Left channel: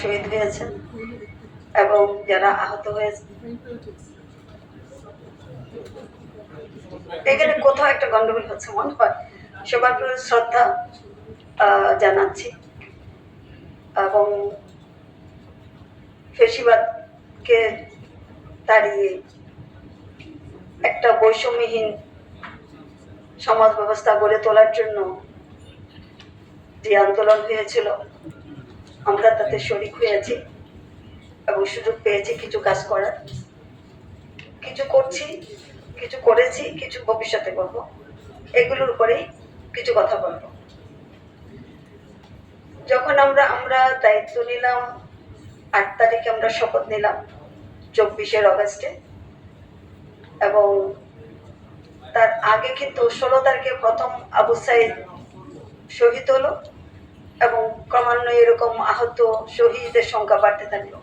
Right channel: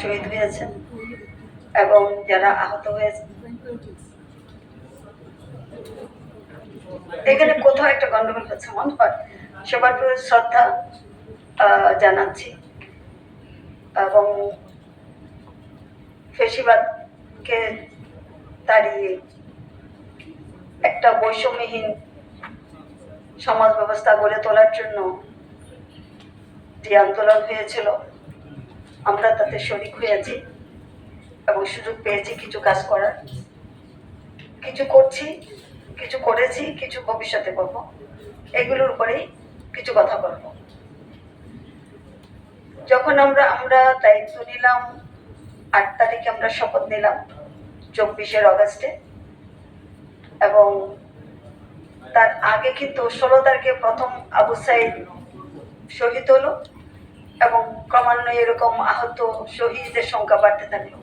শহীদ হয়েছেন এবং যারা আহত হয়েছে, এখানে কোথাও একটা গন্ডগোল হচ্ছে মনে হয়। সবার প্রতি শ্রদ্ধা জানাচ্ছি এবং ফেসিবাদকে তাড়িয়ে একটা বৈষম্যহীন সমাজ ব্যবস্থা গড়ে তোলার জন্য যে আন্দোলন হয়েছিল, আমরা তাতে শরিক হয়েছি এবং সুযোগ পেয়েছি কিছু কাজ করার। কিছু করছি, কিছু করেছি, কিছু ভবিষ্যতে করব। এগুলোর উপরেই কিছু কথা বলবো। যখন আমরা দায়িত্ব নিলাম 8 তারিখে, আমরা শপথ নিলাম 24 আগস্টে, এবং তার আগে কিন্তু 16 তারিখে প্রথম আবু সাইদ শহীদ হলো এবং ক্রমান্বয়ে এরকম আহত শহীদের সংখ্যা বাড়তে থাকলো।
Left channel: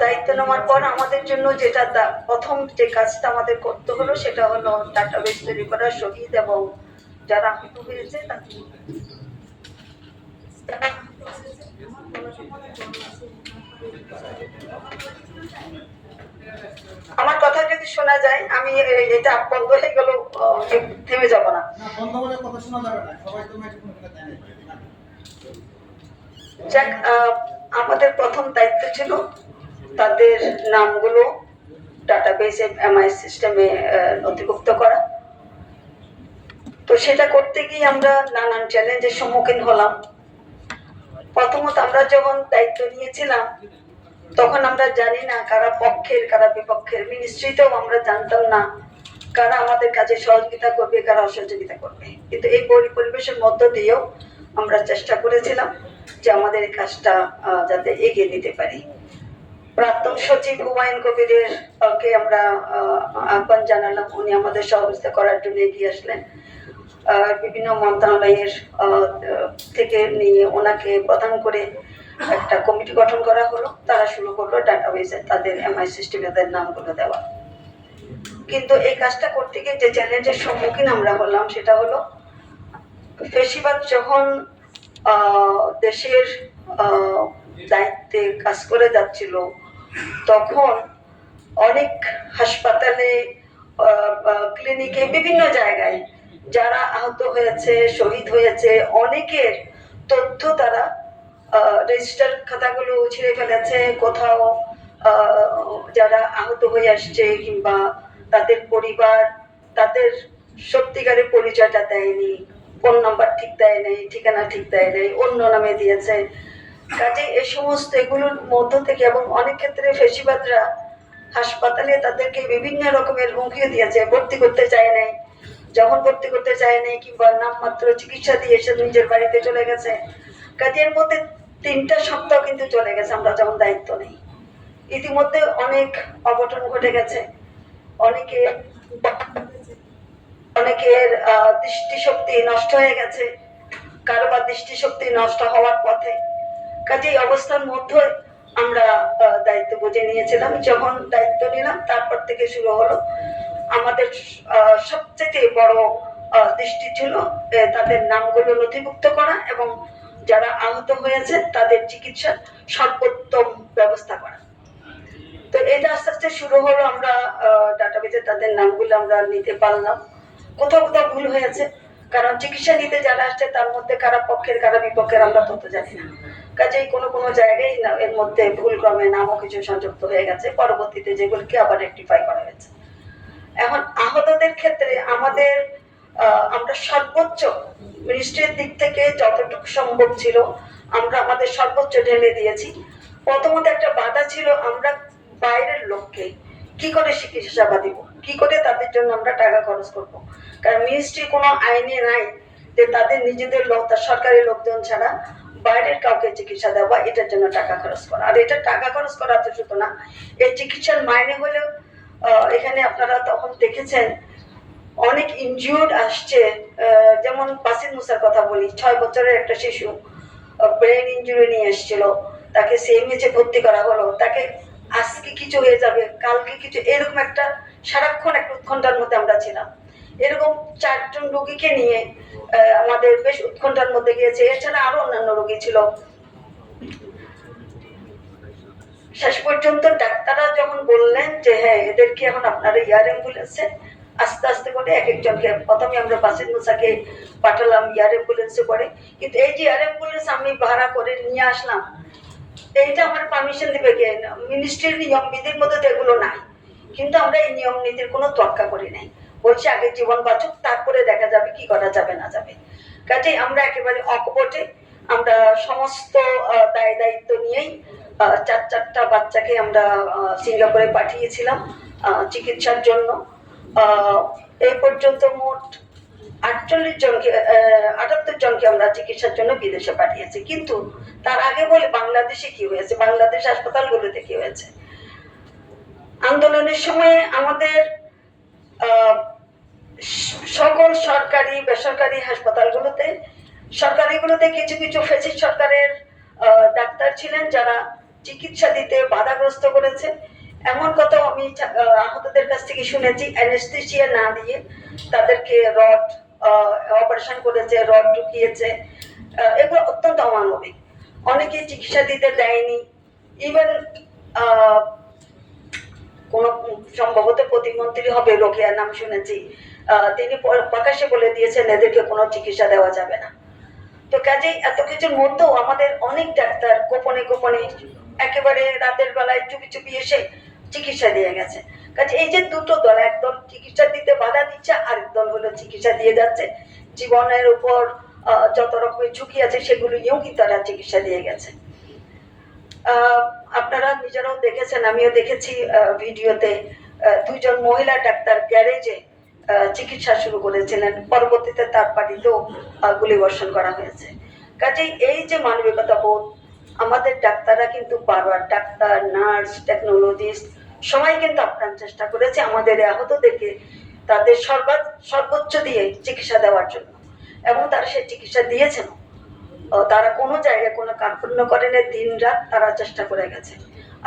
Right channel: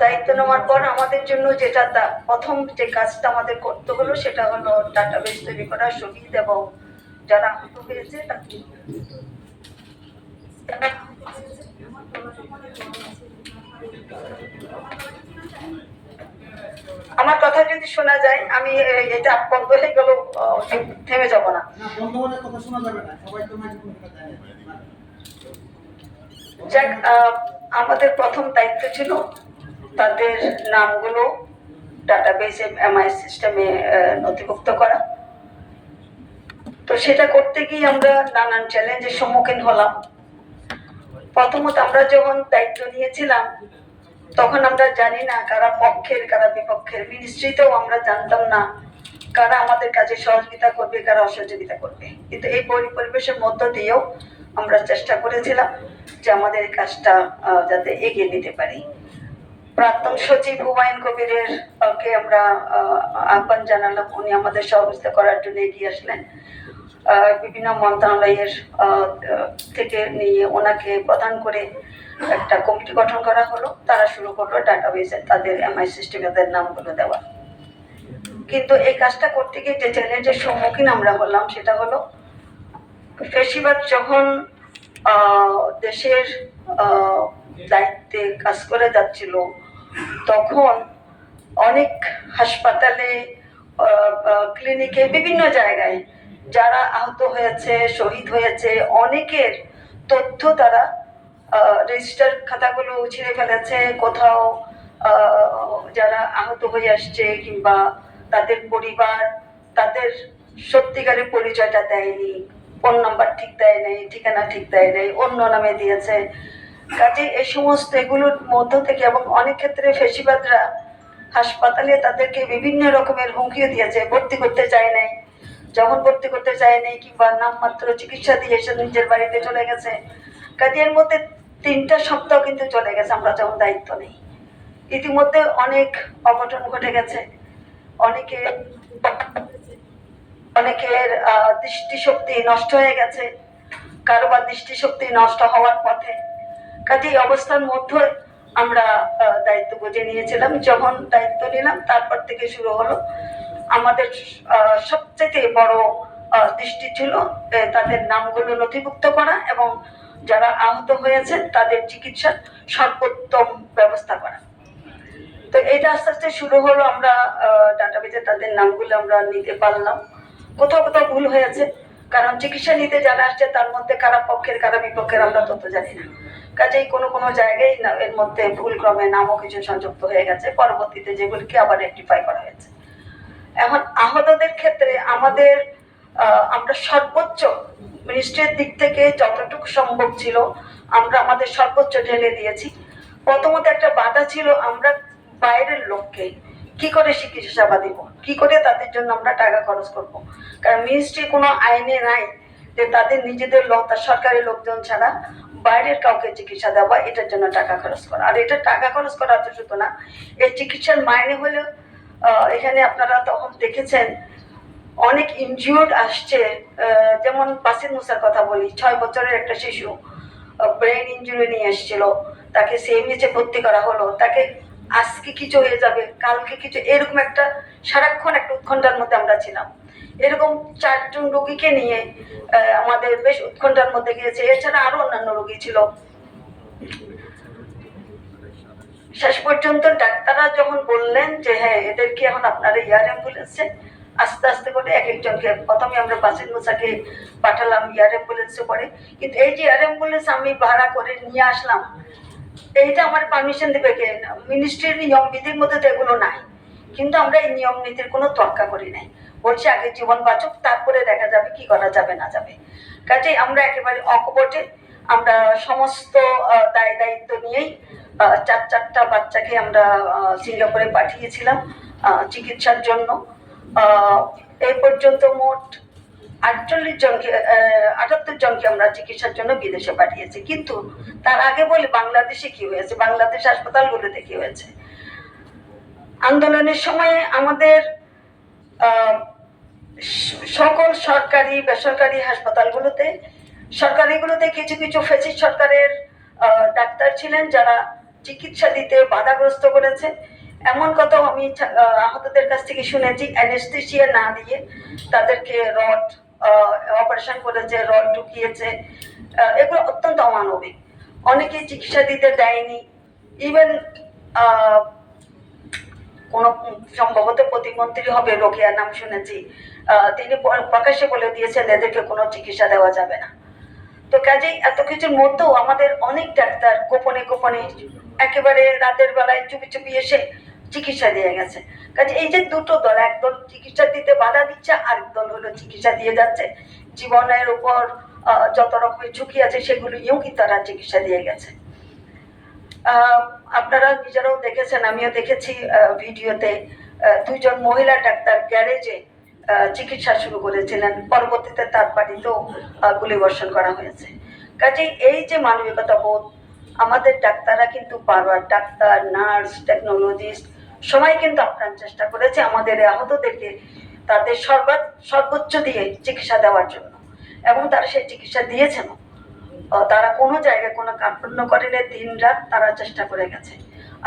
দায়িত্ব নেওয়ার পর আমাদের জন্য যেটা প্রথম যে কাজটা আমাদের করতে হলো সেটা হলো ডাটাবেস তৈরি করা, শহীদ এবং যারা আহত হয়েছে আমার কথা যদি শোনা যায়, আমি এটা বন্ধ হয়ে গেল থেমে যাব না। যাক, আমাদের প্রথম দায়িত্ব ছিল তাদের নামগুলো ডাটাবেসে এমআই সিস্টেমে নথিভুক্ত করা। তো সেটা করতে গিয়ে আমরা নানান চ্যালেঞ্জের সম্মুখীন হলাম। প্রথমত আমরা যখন দায়িত্ব নিয়েছিলাম তখন আমরা জানি না কারা পক্ষের কারা বিপক্ষের। মিনিস্ট্রিতেও আমরা জানতাম না কারা আমাদের কাজে সহযোগিতা করবে, কারা অসহযোগিতা করবে। কিন্তু এই পরিবেশের মধ্য দিয়েও আমরা চেষ্টা করেছিলাম যে আমাদের কাজটা যাতে এগিয়ে নিতে পারি। প্রাক্তন সচিব হুমায়ুন কবিরের কে আমরা আহ্বান জানালাম, উনি আমাদের সহযোগিতা করার জন্য এগিয়ে আসলেন। বিভিন্ন মন্ত্রণালয়ের থেকে নিয়ে ওনাকে প্রধান করে একটা কমিটি গঠন করা হলো। তারা শুরু করলো ডাটাবেসে তাদের এমআই সিস্টেমে তাদের নামগুলো দেওয়া। কিন্তু এই কাজটা করতে গিয়ে যে চ্যালেঞ্জের সম্মুখীন আমরা হলাম সেটা হলো, ফেসিবাদ যখন দেশের দায়িত্বে কাজ করে যাচ্ছিল তখন অনেক হাসপাতালে, ক্লিনিকে, বিভিন্ন জায়গায় যারা আহত হয়েছে, শহীদ হয়েছে, অনেকের তথ্য তারা রেজিস্টার খাতাগুলো ছিঁড়ে ফেলেছে। কোথাও যারা আহত হয়ে আসছে কিংবা তাদের পরিবার তাদের সত্যিকারের পরিচয়টা দেয়নি, ফোন নাম্বার ঠিক দেয় নাই, ঠিকানা ঠিক দেয় নাই, অন্য নামে দিয়েছে। কাজে এই সমস্ত এগুলোর মধ্য থেকে, এবং অনেক ক্ষেত্রে ফেসিবাদরা হাসপাতালে তাদেরকে বিভিন্ন রকমের হুমকিও দিয়েছে, ভর্তি করতে চায় নাই। যখন ভর্তি করতে চায় নাই কিংবা নামমাত্র চিকিৎসা দিয়ে এসে নিজের বাড়িতে চলে গেছে। কাজে এর মধ্যে 3টা সপ্তাহ কিন্তু চলে গেছে আমরা যখন দায়িত্ব নেই। ইতিমধ্যে অনেক অঘটন ঘটে গেছে, অনেকের দৃষ্টিশক্তি নষ্ট হয়ে গেছে, কারোবার দৃষ্টিশক্তি নষ্ট হওয়ার পথে। কাজে এই অবস্থার মধ্যে আমরা দায়িত্ব বুঝে নিয়েছিলাম। যখন দায়িত্ব নিলাম তারপর থেকে শুরু হলো আমাদের সবচেয়ে বড় দৃষ্টি ছিল তাদের নামগুলো নথিভুক্ত করা এবং যারা আহত হয়েছে তাদের চিকিৎসার সর্বোত্তম ব্যবস্থা করা। তো এটা আস্তে আস্তে শুরু হলো। আমরা ডাটাবেজে তাদের নামগুলো আমরা নিতে পারলাম। কোথাও কোথাও ভুল হয়েছে, কারণ চিকিৎসা নিতে যারা আসছে তার মধ্যে কারা পক্ষের কারা বিপক্ষের আমরা তথ্য জানি না। কাজেই কোনো জায়গায় এর মধ্যে ভুল ক্রমে নামও কিছু সংযুক্ত হয়ে গেছে, পরবর্তীতে যেগুলিকে আবার রেকটিফাই করা হয়েছে। এখন আহতদের ক্ষেত্রে আমাদের আমরা সর্বোচ্চ মিনিস্ট্রির দিক থেকে যতটুকু সম্ভব ছিল আমরা আমাদের সর্বোচ্চ ঢেলে দিয়েছি। প্রথমত একটা বাধা ছিল, আমরা বাইরের লোককে কি করে চিকিৎসা সেবা দিব, কি করে তাদের জন্য আমরা টাকা খরচ করব। কারণ মিনিস্ট্রি কোনো আইনে নাই যে তাদের নিজেদের লোক, তার সরকারি লোকজন ছাড়া বাইরের কাউকে চিকিৎসা দেওয়া, এটার জন্য টাকা খরচ করা। আর এটা টাকা খরচ করা তো শুধু না, এই চিকিৎসার মাইনে হলেও এখানে আপনারা তখন দেখেছেন অনেক ইনজিউর্ড আসছে। যেমন বাসির মুসার কথা বলি, 6 বছরের একটা শিশু ব্রেন ইনজুরি নিয়ে এসেছিল, তাকে সিএমএইচে ভর্তি করা হলো। তাকে আজকে কিছু হয়ে যাবে, কালকে কিছু, এরকম একটা সারাক্ষণ একটা উৎকণ্ঠার মধ্যে আমরা ছিলাম। এরকম 4 জন রোগীকে নিয়ে আমাদের বেশ উৎকণ্ঠার মধ্যে গিয়েছে। এছাড়া আরো অন্যান্য রোগী ছিল। শেষ পর্যন্ত ডাক্তাররা যখন বললেন যে হ্যাঁ এদেরকে এখন আপনারা এয়ার অ্যাম্বুলেন্সে আস্তে আস্তে করে এক একজনকে, প্রথমে আমরা বাসির মুসাকে পাঠালাম এয়ার অ্যাম্বুলেন্সে করে, কিন্তু এই যে এয়ার অ্যাম্বুলেন্স আমি ভাড়া করে নিয়ে আসলাম, এইটা আমার পারমিশন দেবে কে? মিনিস্ট্রির নিয়ম বিধির মধ্যে তো এগুলো নাই, কিন্তু আমরা এই নিয়ম নীতির কোনো তোয়াক্কা করি নাই, বলছি আগে জীবন বাঁচুক তারপরে দেখা যাবে কি করা যাবে না যাবে। কাজেই আমরা একেবারে অকপটে আমরা সমস্ত দায় দায়িত্ব নিয়েই চারটা বাচ্চাকে আমরা সিঙ্গাপুরে পাঠিয়েছিলাম চিকিৎসার জন্য। এই পর্যন্ত মোট 78 জনকে আমরা চিকিৎসার জন্য বিদেশে পাঠিয়েছি। কিন্তু তার আগে বলে বাংলাদেশে কি হয়েছে, বাংলাদেশ হাসপাতালগুলোতে কি হয়েছে। আন্দোলনের সময়ে আমাদের সকল সরকারি বেসরকারি হাসপাতালগুলোতে, সরকারিগুলোতে কিছু কিছু ফ্যাসিস্ট সরকারের ডাক্তার ছিলেন যারা চিকিৎসা দিতে বাধাগ্রস্ত করেছে। এমন কথাও আমি আহতদের কাছ থেকে শুনেছি, অ্যানেস্থেসিয়া না দিয়ে তাদেরকে রড অপারেশন করেছে, রড ঢুকিয়েছে, এগুলো অত্যন্ত অমানবিক। অনেকে চিকিৎসা দিতে দেয়নি, ইভেন কোন সম্ভবত প্রতিমন্ত্রী হবে, রোকেয়ার নাম শুনেছি, তিনি প্রকাশ্যে বলে দিয়েছেন এদেরকে কোনো চিকিৎসা দেওয়া যাবে না। তো কাজেই এত কিছুর মধ্যেও আমাদের অনেক ডাক্তার গোপনে গোপনে একেবারে রাতের বেলায় চুপি চুপি এসে চিকিৎসা দিয়ে গেছে। কাজে এই যে দুটো দল, একদল চিকিৎসা দিতে বাধা দিচ্ছে, আরেক দল হলো চিকিৎসা দিয়ে যাচ্ছে, জীবনের উপর যত রকমের ঝুঁকি আছে সেগুলো নিয়েও কিন্তু তারা চিকিৎসা দিয়ে গেছে। আপনারা নিজেরাও দেখেছেন, আমিও দেখেছি ভিডিওতে, দুইজন মহিলা ডাক্তার গ্যারেজে চিকিৎসা শুরু করেছিলেন, পরবর্তীতে তার বাড়িতেও গুলিবর্ষণ করা হয়েছে। কাজেই এই যে মানবিকতা বোধ, আমাদের ডাক্তাররা কিন্তু বারবার, ডাক্তার, নার্স, টেকনোলজিস্ট সবাই কিন্তু আপ্রাণ চেষ্টা করেছে আমাদের আহতদেরকে তাদের সর্বোচ্চ দিয়ে চিকিৎসা দেওয়ার জন্য, এবং তারা সেই চিকিৎসা দিয়েছেন। তারা কোনো জায়গায় কোনো কার্পণ্য করেনি, দিন রাত তারা চেষ্টা করে গেছে।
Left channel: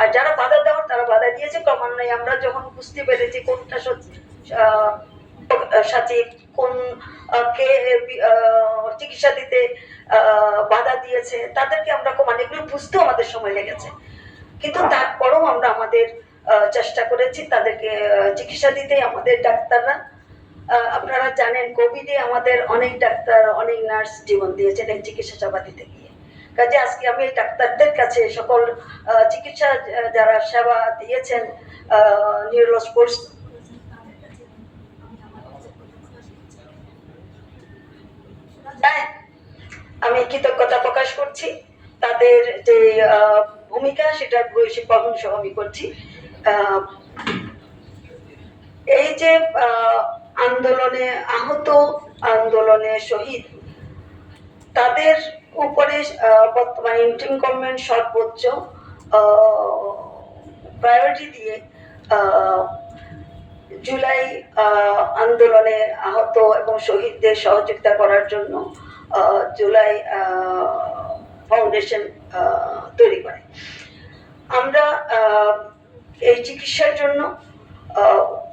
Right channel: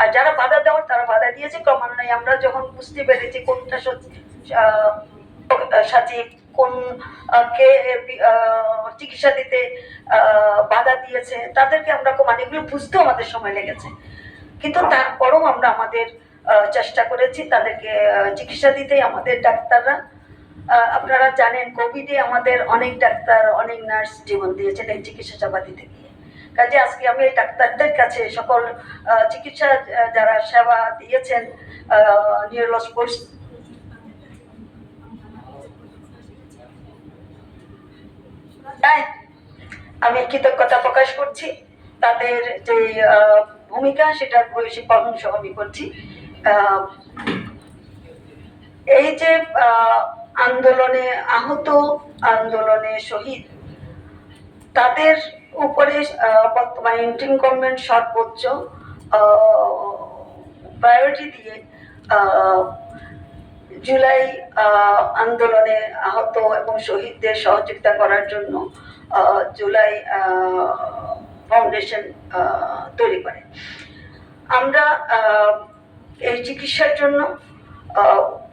আর যারা বাধা দেওয়ার তারা বাধা দিয়েছে। ক্রমান্বয়ে আমরা যখন বুঝতে পেরেছি কোনটা সচিব কোন কে চিকিৎসা দিতে বাধা দিয়েছে, তাদেরকে আমরা মানে এগুলো বুঝতেও আমাদের সময় লেগেছে, কিন্তু তারপরও আমরা আমাদের চেষ্টা করেছি তাদেরকে চিকিৎসা দিতে। আমাদের ডাক্তাররা, আপনারা জানেন কোভিডে আমাদের অনেক ডাক্তার অনেক নার্স জীবন দিয়েছেন এই চিকিৎসা সেবা দিতে গিয়ে। কাজে আজকে আমি এই ডাক্তারদের কাছে সকল চিকিৎসা যারা সেবা দিয়েছেন নিউরোস্পোর্টস, আমি কৃতজ্ঞতা প্রকাশ করছি। তাদের যে ভূমিকা সেটার ভূয়সী প্রশংসা আমি করছি। এই যে আন্দোলনে আহত, আন্দোলনে শহীদ, তাদের উপরে বর্তমান ইন্টারিম গভর্নমেন্ট সর্বোচ্চ প্রায়োরিটি দিয়ে জুলাই আন্দোলনে আহত এবং শহীদদের সহযোগিতা করার জন্য জুলাই ফাউন্ডেশন তৈরি করে। আমরা এই চিকিৎসার জন্য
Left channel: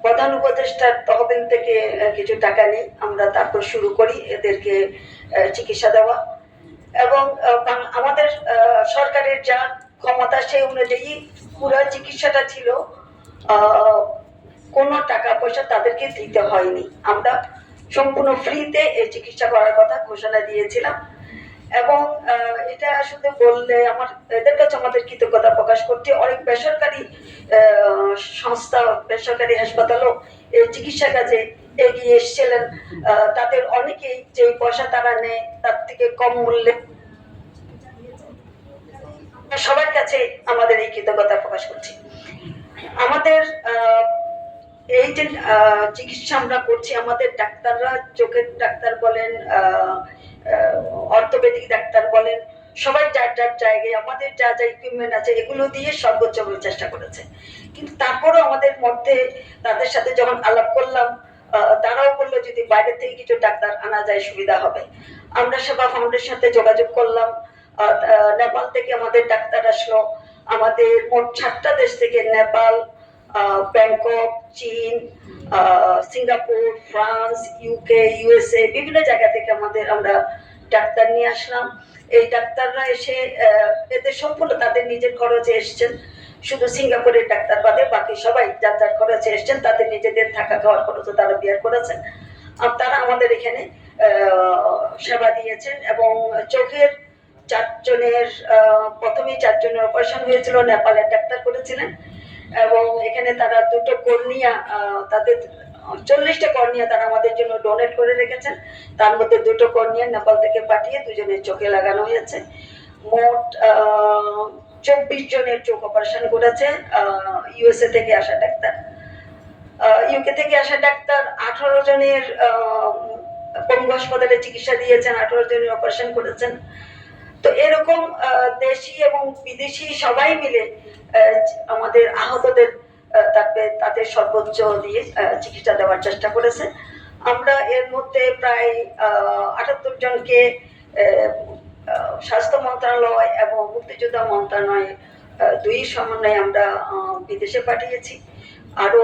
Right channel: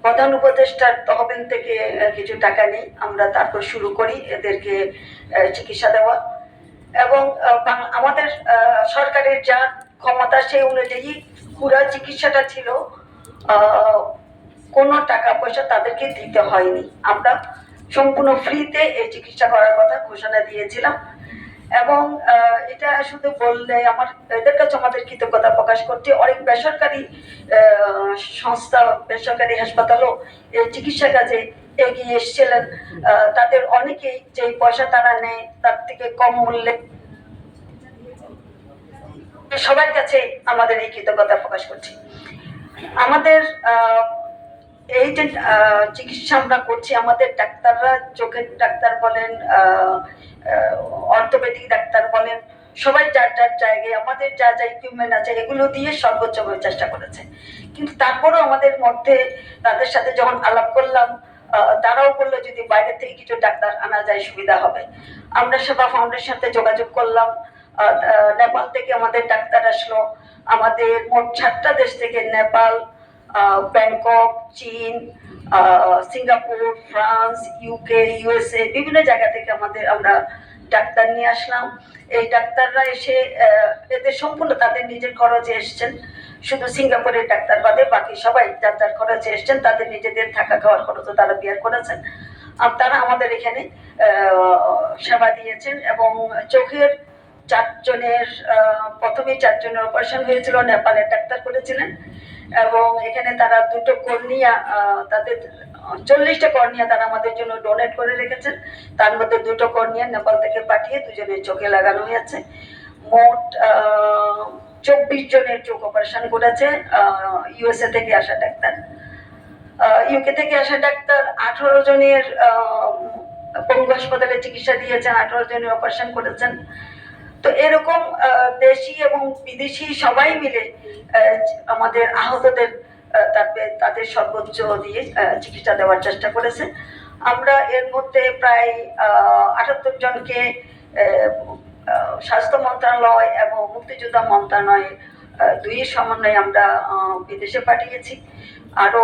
প্রধান উপদেষ্টার তহবিল থেকে কিছু টাকা নিই, আমরা তারপর শুরু করি এদেরকে চিকিৎসা দেওয়া, এবং আমাদের সরকারের যা ক্ষমতা সেই অনুযায়ী পুরো চিকিৎসাটা ছিল, কোনো টাকা পয়সা তাদেরকে দিতে হয়নি। আমরা সম্পূর্ণ ফ্রিতে এই চিকিৎসা করার কথা ঘোষণা দিয়েছিলাম, এবং এটা শুধু বললে আমার এদের কাছে আমাদের কৃতজ্ঞতা প্রকাশ করছি। অনেক বেসরকারি সংস্থা, বেসরকারি হাসপাতালও এই চিকিৎসা কাজে এগিয়ে এসেছিলেন। তাদের অনেকেই যে পয়সা তারা নেয় তার থেকে কম মূল্যে, সবার কাছে আমাদের এই কৃতজ্ঞতা প্রকাশ করছি। আমাদের এই যে চিকিৎসা আমরা করছি, আমাদের ডাক্তাররা, চোখের ডাক্তার বলেন, অর্থোপেডিক ডাক্তার বলেন, সবাই যার যার জায়গায় আমাদের যা যা ইকুইপমেন্ট আছে এগুলো দিয়ে সর্বোচ্চ চেষ্টা করেছে। কিন্তু তারপরেও আমাদের মধ্যে তাদের সাথে যখন আলাপ করলাম, তারাও বললো যদি বাইরে থেকে কিছু ডাক্তার আনা যায় সুবিধা হবে। আমরা সেবা ফাউন্ডেশনের সাথে যোগাযোগ করলাম, নেপাল থেকে আমাদের ডাক্তার আসলো। আমাদের মোট 7টা দেশ থেকে, নেপাল, ব্যাংকক, চীন, সিঙ্গাপুর, ফ্রান্স, ইউকে, ইউএসএ, বিভিন্ন জায়গা থেকে আমরা ডাক্তার নিয়ে আসলাম। এই ডাক্তাররা এসে এদের সম্পূর্ণ তাদের নিজের খরচে এসছেন, শুধু সিঙ্গাপুরের ডাক্তার বাদে বাকি সবাই যার যার খরচে এসছেন, তাদের নিজেদের থাকা খাওয়ার খরচও তারা বিয়ার করেছেন। আর তারা আমাদের এখানে সেবা দিয়েছেন। এবং চোখের 4 জনের প্রথমে 4 জনের অপারেশন হয়েছিল, নেপালের ডাক্তার করেছিলেন। এবং এখানে তারা 2টো কর্নিয়া, তাদের 40টা কর্নিয়া তারা আমাদের জন্য ডোনেট করে রেখেছেন। তার মধ্যে 2টো কর্নিয়া নেপাল থেকে পাঠিয়ে 2 জনের চোখে লাগানো হয়েছে। মোট 24 জনের চোখ অপারেশন করেছে ইউএসএ থেকে আসা ডাক্তার। ইউকে থেকে আসা ডাক্তার 18 জনের পঙ্গু হাসপাতালে চিকিৎসা দিয়েছেন, 18 জনের অপারেশন করেছেন। তো এরকম দেশি এবং বিদেশি সবাই মিলে আমাদের আহতদের তাদের সর্বোচ্চ দিয়ে চিকিৎসা দেওয়ার চেষ্টা করেছে। আমরা এর মধ্যে প্রায় 78 জনকে স্বাস্থ্য মন্ত্রণালয় এবং মুক্তিযোদ্ধা মন্ত্রণালয় দুই সমন্বয়ে আমরা বিদেশে পাঠিয়েছি। আরো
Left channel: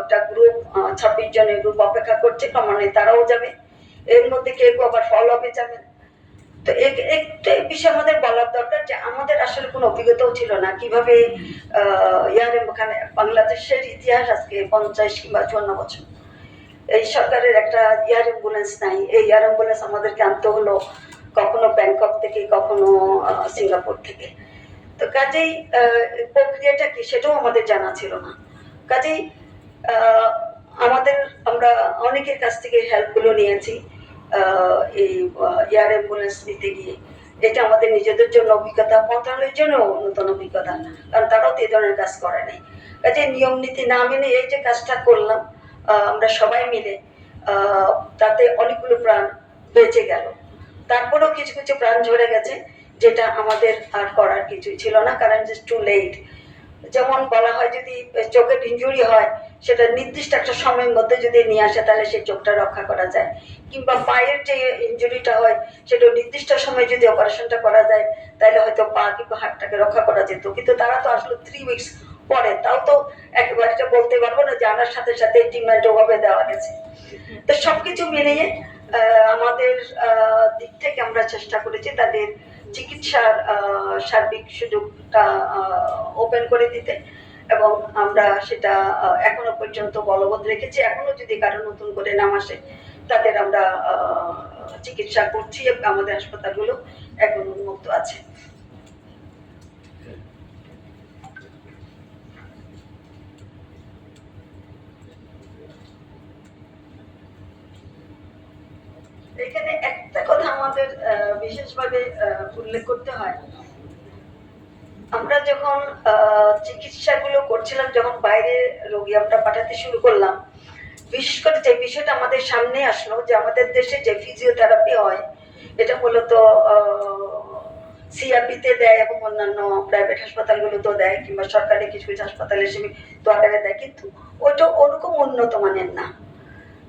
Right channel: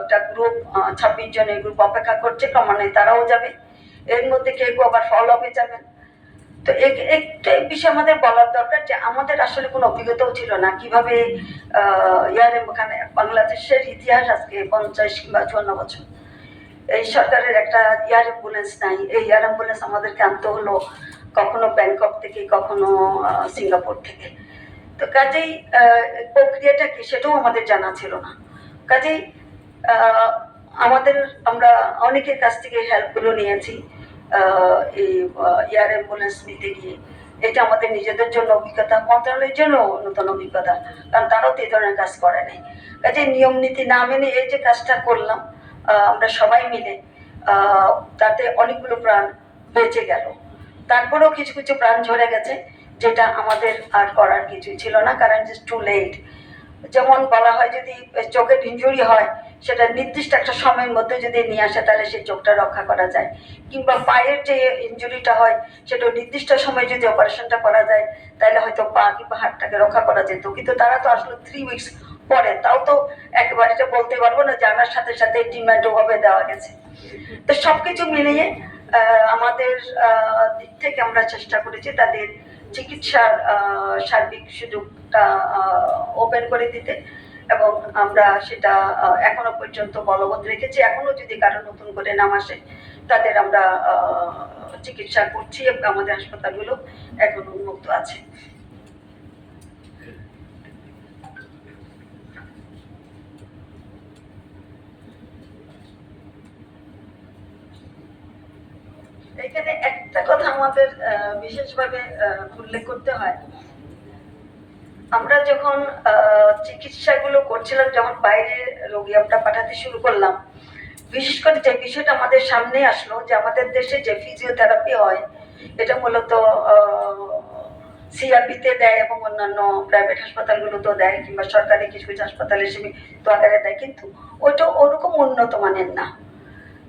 একটা গ্রুপ 26 জনের গ্রুপ অপেক্ষা করছে, ক্রমান্বয়ে তারাও যাবে। এর মধ্যে কেউ আবার ফলো আপে যাবেন। তো একটা বিষয় আমাদের বলার দরকার যে আমাদের আসলে কোনো অভিজ্ঞতাও ছিল না কিভাবে ওখানে বাংলাদেশের ইতিহাস আজকে 50 কিংবা 54 বছর এই সরকারের একটা এয়ার অ্যাম্বুলেন্স নাই। এই এয়ার অ্যাম্বুলেন্স আমাদেরকে আনতে হলো কখনো ব্যাংকক থেকে, কখনো সিঙ্গাপুর থেকে। তো কাজেই প্রক্রিয়াটা কি সেটাও আমাদের জানা ছিল না। কাজেই আমরা অনেকের কাছ থেকে হেল্পগুলো নিয়েছি এই এয়ার অ্যাম্বুলেন্স নিতে গিয়ে। এটা আমাদের নিজেদের জন্য অভিজ্ঞতা, মন্ত্রণালয়ের জন্য নতুন অভিজ্ঞতা, কারণ তারাও তো এই ধরনের কাজ করে নাই। কাজে নিয়ম নীতি না মেনে এই যে কাজটা করলাম আমরা সবাই মিলে, তাতে অনেকগুলো প্রাণ বেঁচে গেল। তারপরেও কিছু কিছু প্রাণ ঝরে গেছে, যেটা আমাদের আর করার কিছুই ছিল না, কারণ জাস্ট টু লেট। যেমন বলা হয় যদি চোখের ইনজুরি হয় সেটা নির্দিষ্ট একটা সময়ের মধ্যে যদি নিয়ে আসে তাহলে সেই চোখটা রক্ষা করা যায়, কিংবা পায়ের যে ইনজুরিটা হয় সেটা নির্দিষ্ট সময়ে যদি অপারেশনটা করা যায় তাহলে হয়তো পা কিংবা হাতটাকে রক্ষা করা যেত। কিন্তু তারা তো আসলে 3 উইকস পরে, তাও তো একেবারে এটা বলতে পারবো না যে আনার সাথে সাথে ট্রিটমেন্ট ওভাবে দেওয়া গেছে। তো সবকিছু মিলিয়ে আমাদের দিক থেকে আমরা চেষ্টা করেছি তাদের চিকিৎসার সার্বিক সুযোগটা ওপেন করে দিতে, এবং আমরা সেটা এখনো পর্যন্ত বলবৎ রেখেছি। এখনো যদি কারো নতুন করে নাম আসে তাদের আমরা চিকিৎসা করছি, আমাদের হাসপাতালগুলো এখন উন্মুক্ত আছে। এখানে একটা কথা আমাদের বিশেষভাবে উল্লেখ করতে হয়, আমরা যখন চিকিৎসাগুলো করছিলাম, যখন বাইরে রোগী আমরা পাঠাতে শুরু করলাম, বিশেষ করে যে বিষয়টা আমাদের সামনে আসলো যে আমাদের দেশে যে ফিজিওথেরাপি হয় এটা মূলত সিআরপিতে দেয় এবং অন্যান্য প্রাইভেট হাসপাতালগুলোতেও দেয়, কিংবা সরকারি কিছু কিছু হাসপাতালে সীমিত আকারে দেয়, কিন্তু ওইটা ওরকম উন্নত মানের না।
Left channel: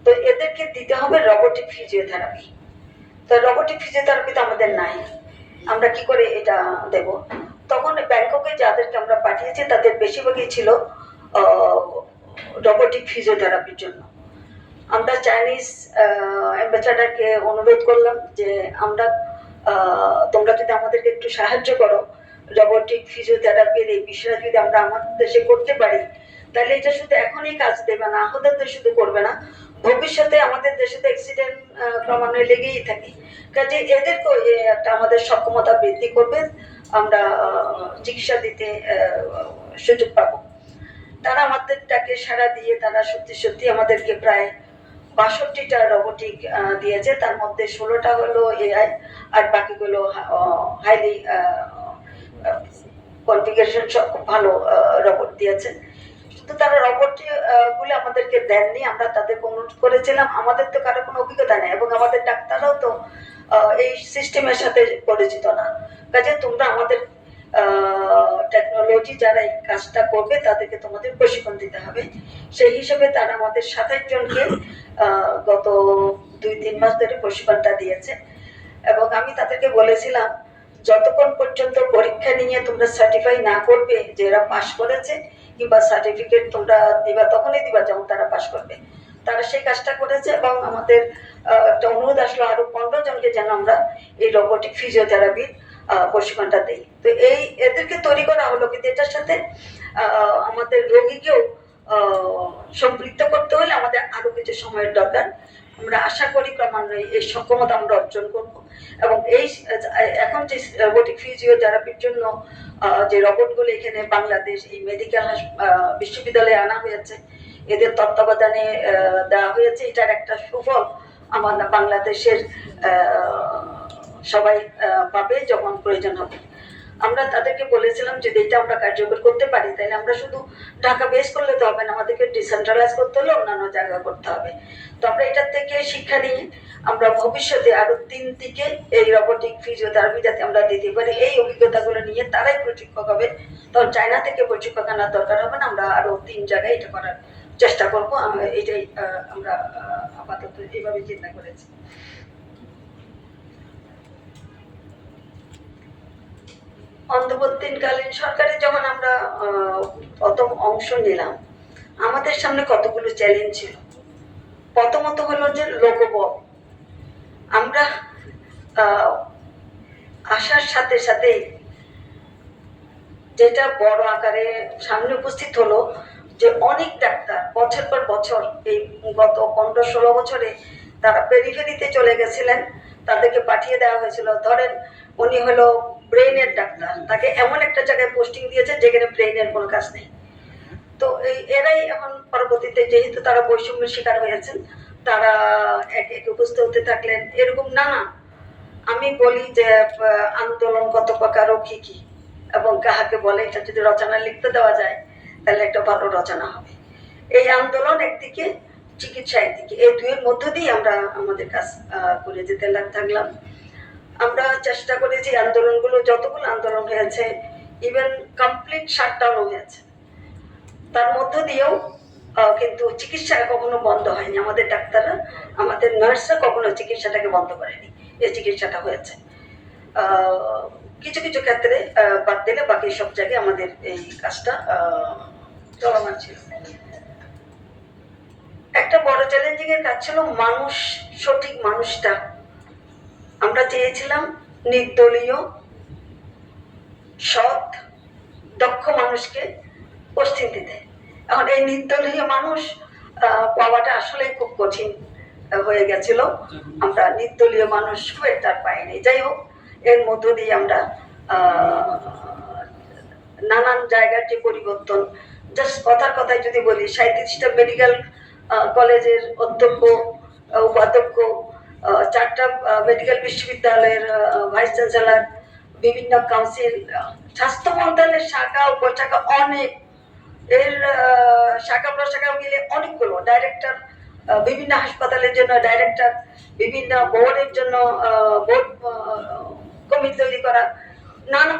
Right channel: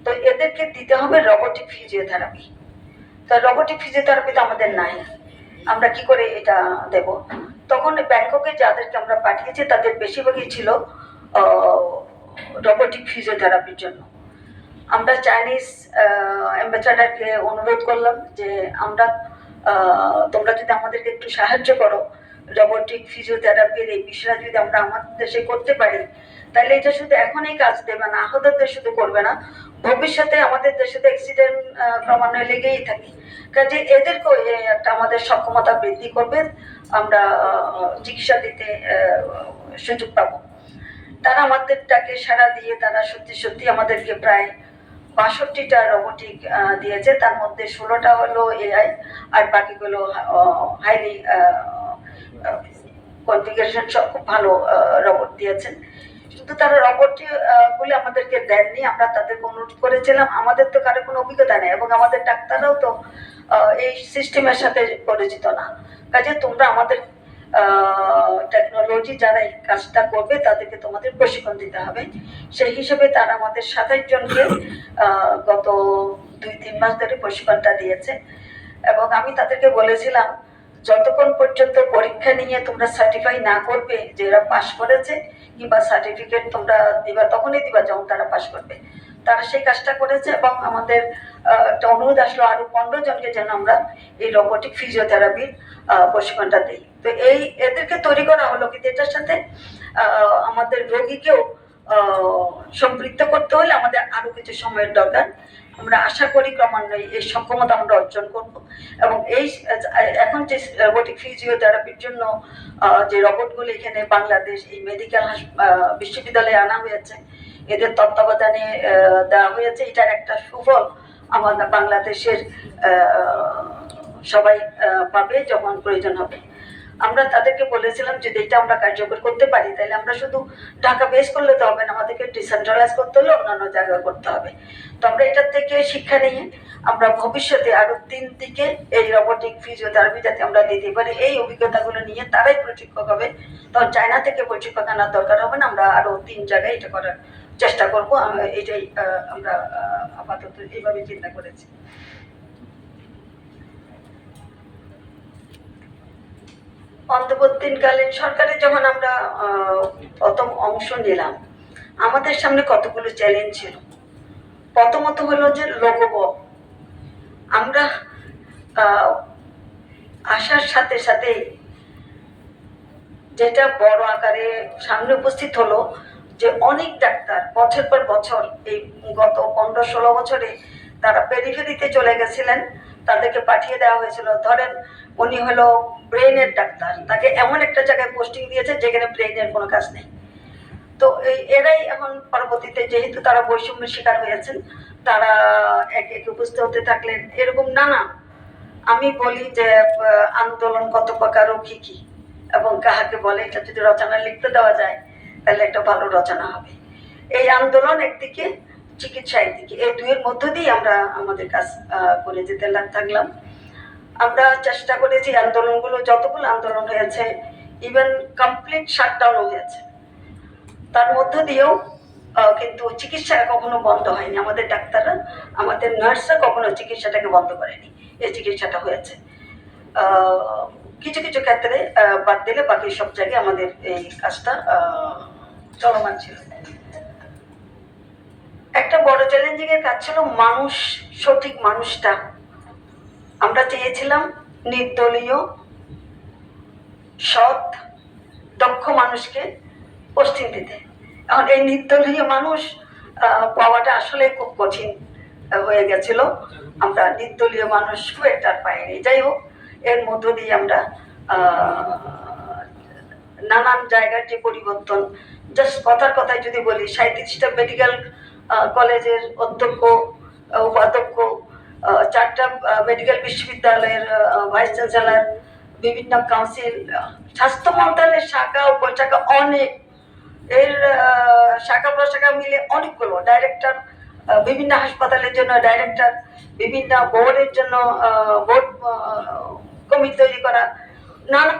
তো এদেরকে দিতে হবে রোবোটিক ফিজিওথেরাপি। তো রোবোটিক ফিজিওথেরাপি তো আমাদের নাই, আমরা কি করে এটা দেব? তখন ব্যাংককে যাদেরকে আমরা পাঠিয়েছি তাদের বেশিরভাগই ছিল রোবোটিক ফিজিওথেরাপির জন্য। আমরা চাইনিজ অ্যাম্বাসাডারকে অনুরোধ করলাম যে আমরা তোমরা যদি আমাদেরকে একটু সাহায্য করো, রোবোটিক ফিজিওথেরাপির এই বিষয়টা যদি আমরা আমাদের দেশে করতে পারি তাহলে এটা শুধু এখনই কাজ দেবে না, আহতদের শুধু করবে না, ভবিষ্যতে আমাদের দেশে তো অ্যাক্সিডেন্ট ক্রমান্বয়ে লেগেই থাকে। কাজে এদেরকে একটা আমাদের সক্ষমতা বৃদ্ধি করবে, আমরা চিকিৎসা দিতে সুযোগ পাবো। তারা আমাদেরটাকে সাড়া দিয়ে তারা সত্যি সত্যি আমাদেরকে প্রায় 62টা রোবোটিক দিয়েছে, তার মধ্যে 16টা হলো এআই আর বাকিগুলো হাইলি কনফিগারেশন সব খুব ভালো রোবট দিয়েছেন। কিন্তু তারা রোবট গুলো আমাদেরকে দেননি, আমরা তাদেরকে অনুরোধ করেছিলাম, আমাদের তো কারো কোনো অভিজ্ঞতা নেই এবং আমাদের ডাক্তাররাও তো এই সিস্টেমের সাথে পরিচিত না। কাজে তোমরা আমাদের টেকনোলজি যারা এই কাজটা করবে তাদেরকে তোমাদের প্রশিক্ষণ দিতে হবে। সেই হিসেবে তারা আমাদের 27 জনকে গত 2-3 মাস ধরে প্রশিক্ষণটা দিয়েছে। এবং আমি তাদেরকে বলেছিলাম যতক্ষণ পর্যন্ত পরীক্ষা নিয়ে তোমরা সার্টিফাই না করবে যে এরা পাস করেছে, কিংবা সার্টিফিকেট তোমরা দিবা তখনই দিবা যখন তারা পাস করবে, তারা সেই কাজটা করেছে এবং আমাদের একটা অনুরোধ আসলো আরো 15 জনকে যেন আমরা এই রোবোটিক ফিজিওথেরাপির প্রশিক্ষণটা দিই। তো এদেরকে তৈরি করা হলো, কিন্তু এটার সাথে আমাদের রোগীকেও সম্পৃক্ত করতে হলে আমাদের আরো কিছু সময়ের দরকার। আমরা আশা করি ক্রমান্বয়ে এই সক্ষমতা আমরা অর্জন করব এবং এই এখন যে রোবোটিক ফিজিওথেরাপির জন্য যে রোবটগুলো এখানে বাংলাদেশ এই মেডিকেল বিশ্ববিদ্যালয়ে আনা হয়েছে, এদের তত্ত্বাবধানে দেওয়া হয়েছে, এটার একটা সুফল আমাদের বাংলাদেশের সবাই পাবে যখন প্রয়োজন হবে। আমরা তাদেরকে বলেছিলাম যদি এটা আমরা কার্যকর করতে পারি তাহলে আমরা শুধু ঢাকা বেস করলে তো হবে না, আমাদেরকে ডিসেন্ট্রালাইজ করতে হলে অন্যান্য জায়গা করতে হবে। তো আমরা এটার থেকে শিক্ষা নিয়ে আমরা ভবিষ্যতে আরো 3 দিকে এই রোবোটিক ফিজিওথেরাপি যাতে আমরা দিতে পারি এই অভিজ্ঞতাগুলো নিয়ে তারাই প্রশিক্ষক হবে, তখন চায়না থেকে প্রশিক্ষক আনার দরকার হবে না। আমরা আরো 3 জায়গায় এটা করার চেষ্টা করবো। এটাই আমরা আপাতত এইভাবে চিন্তা করেছি। অন্তর্বর্তীকালীন সরকারে যখন আমরা প্রথম অংশ নিলাম, আমাদের সামনে কতগুলো চ্যালেঞ্জ ছিল। প্রথমত হলো যে লোকবল। আমরা আসার সাথে সাথে যেটা বড় আকারে সামনে উপস্থিত হলো যে অনেক ডাক্তার বছর পর বছর এই গত 15-16 বছরে তারা পেরিফেরিতে চলে গেছিলেন, তাদেরকে পাঠিয়ে দেওয়া হয়েছিল। ধরেন উনি হলো ব্রেনের ডাক্তার, তাকে এমন একটা জায়গায় পোস্টিং দিয়েছে যেখানে ব্রেনের কোনো কাজ নেই। তো এরাই এখন পরবর্তীতে যেহেতু তারা বৈষম্যের শিকার হয়েছেন, তারা এক এক উপস্থিত হতে থাকলেন। এরকম নানা, আমি বলি যে আন্দোলন কত প্রকার ও কি কি এবং কাহাকে বলে, এটা যদি রচনা লিখতে দেওয়া যায় তাহলে একটা ভালো রচনা হবে। এই আন্দোলন একদিকে, চিকিৎসা একদিকে, এই দুইয়ের মধ্য দিয়ে আমরা আমাদের কাজ করে যেতে থাকলাম। আমরা চেষ্টা করেছি আন্দোলনগুলো, যতগুলো আন্দোলন হয়েছে, ইভেন কমপ্লিট শাটডাউনও হয়েছে, তার মধ্য দিয়েও কিন্তু চিকিৎসা কখনো বন্ধ হয়নি। আমাদের ডাক্তাররা, আমাদের নার্সরা কখনো চিকিৎসাটাকে বন্ধ করেনি, এই চিকিৎসাটা হয়েছে। কিছু কিছু ক্ষেত্রে বাদ দিলে বাকি সব জায়গায় আমাদের এই কাজটা চলমান ছিল। একটা বড় চ্যালেঞ্জিং এর কাজ ছিল মানুষ, সঠিক মানুষটা। আমরা চেয়েছিলাম নির্দলীয়, সৎ, দক্ষ মানুষকে পোস্টিং দিতে। এখন এই নির্দলীয় মানুষ পাওয়াটা আসলে খুব কঠিন হয়ে গেছিল। আমরা নির্দলীয় মানুষ খুব একটা পাইনি। যাই হোক, এর মধ্য দিয়ে আমরা নানান জায়গার যে পরিবর্তন, জাস্ট কথার কথায় যদি বলি, 37টা মেডিকেল কলেজের অধ্যক্ষ, উপাধ্যক্ষ, 4টা মেডিকেল বিশ্ববিদ্যালয়ের ভাইস চ্যান্সেলর, বিভিন্ন কাউন্সিল, স্বাস্থ্য মন্ত্রণালয়ের শাখা উপশাখা অনেক, এর শাখা প্রশাখা মিলে অনেকগুলো ডাইরেক্টর, বিভিন্ন হাসপাতালের জন্য ডাইরেক্টর, বিভিন্ন বোর্ডের জন্য বোর্ড কমিটি তৈরি করা, নানা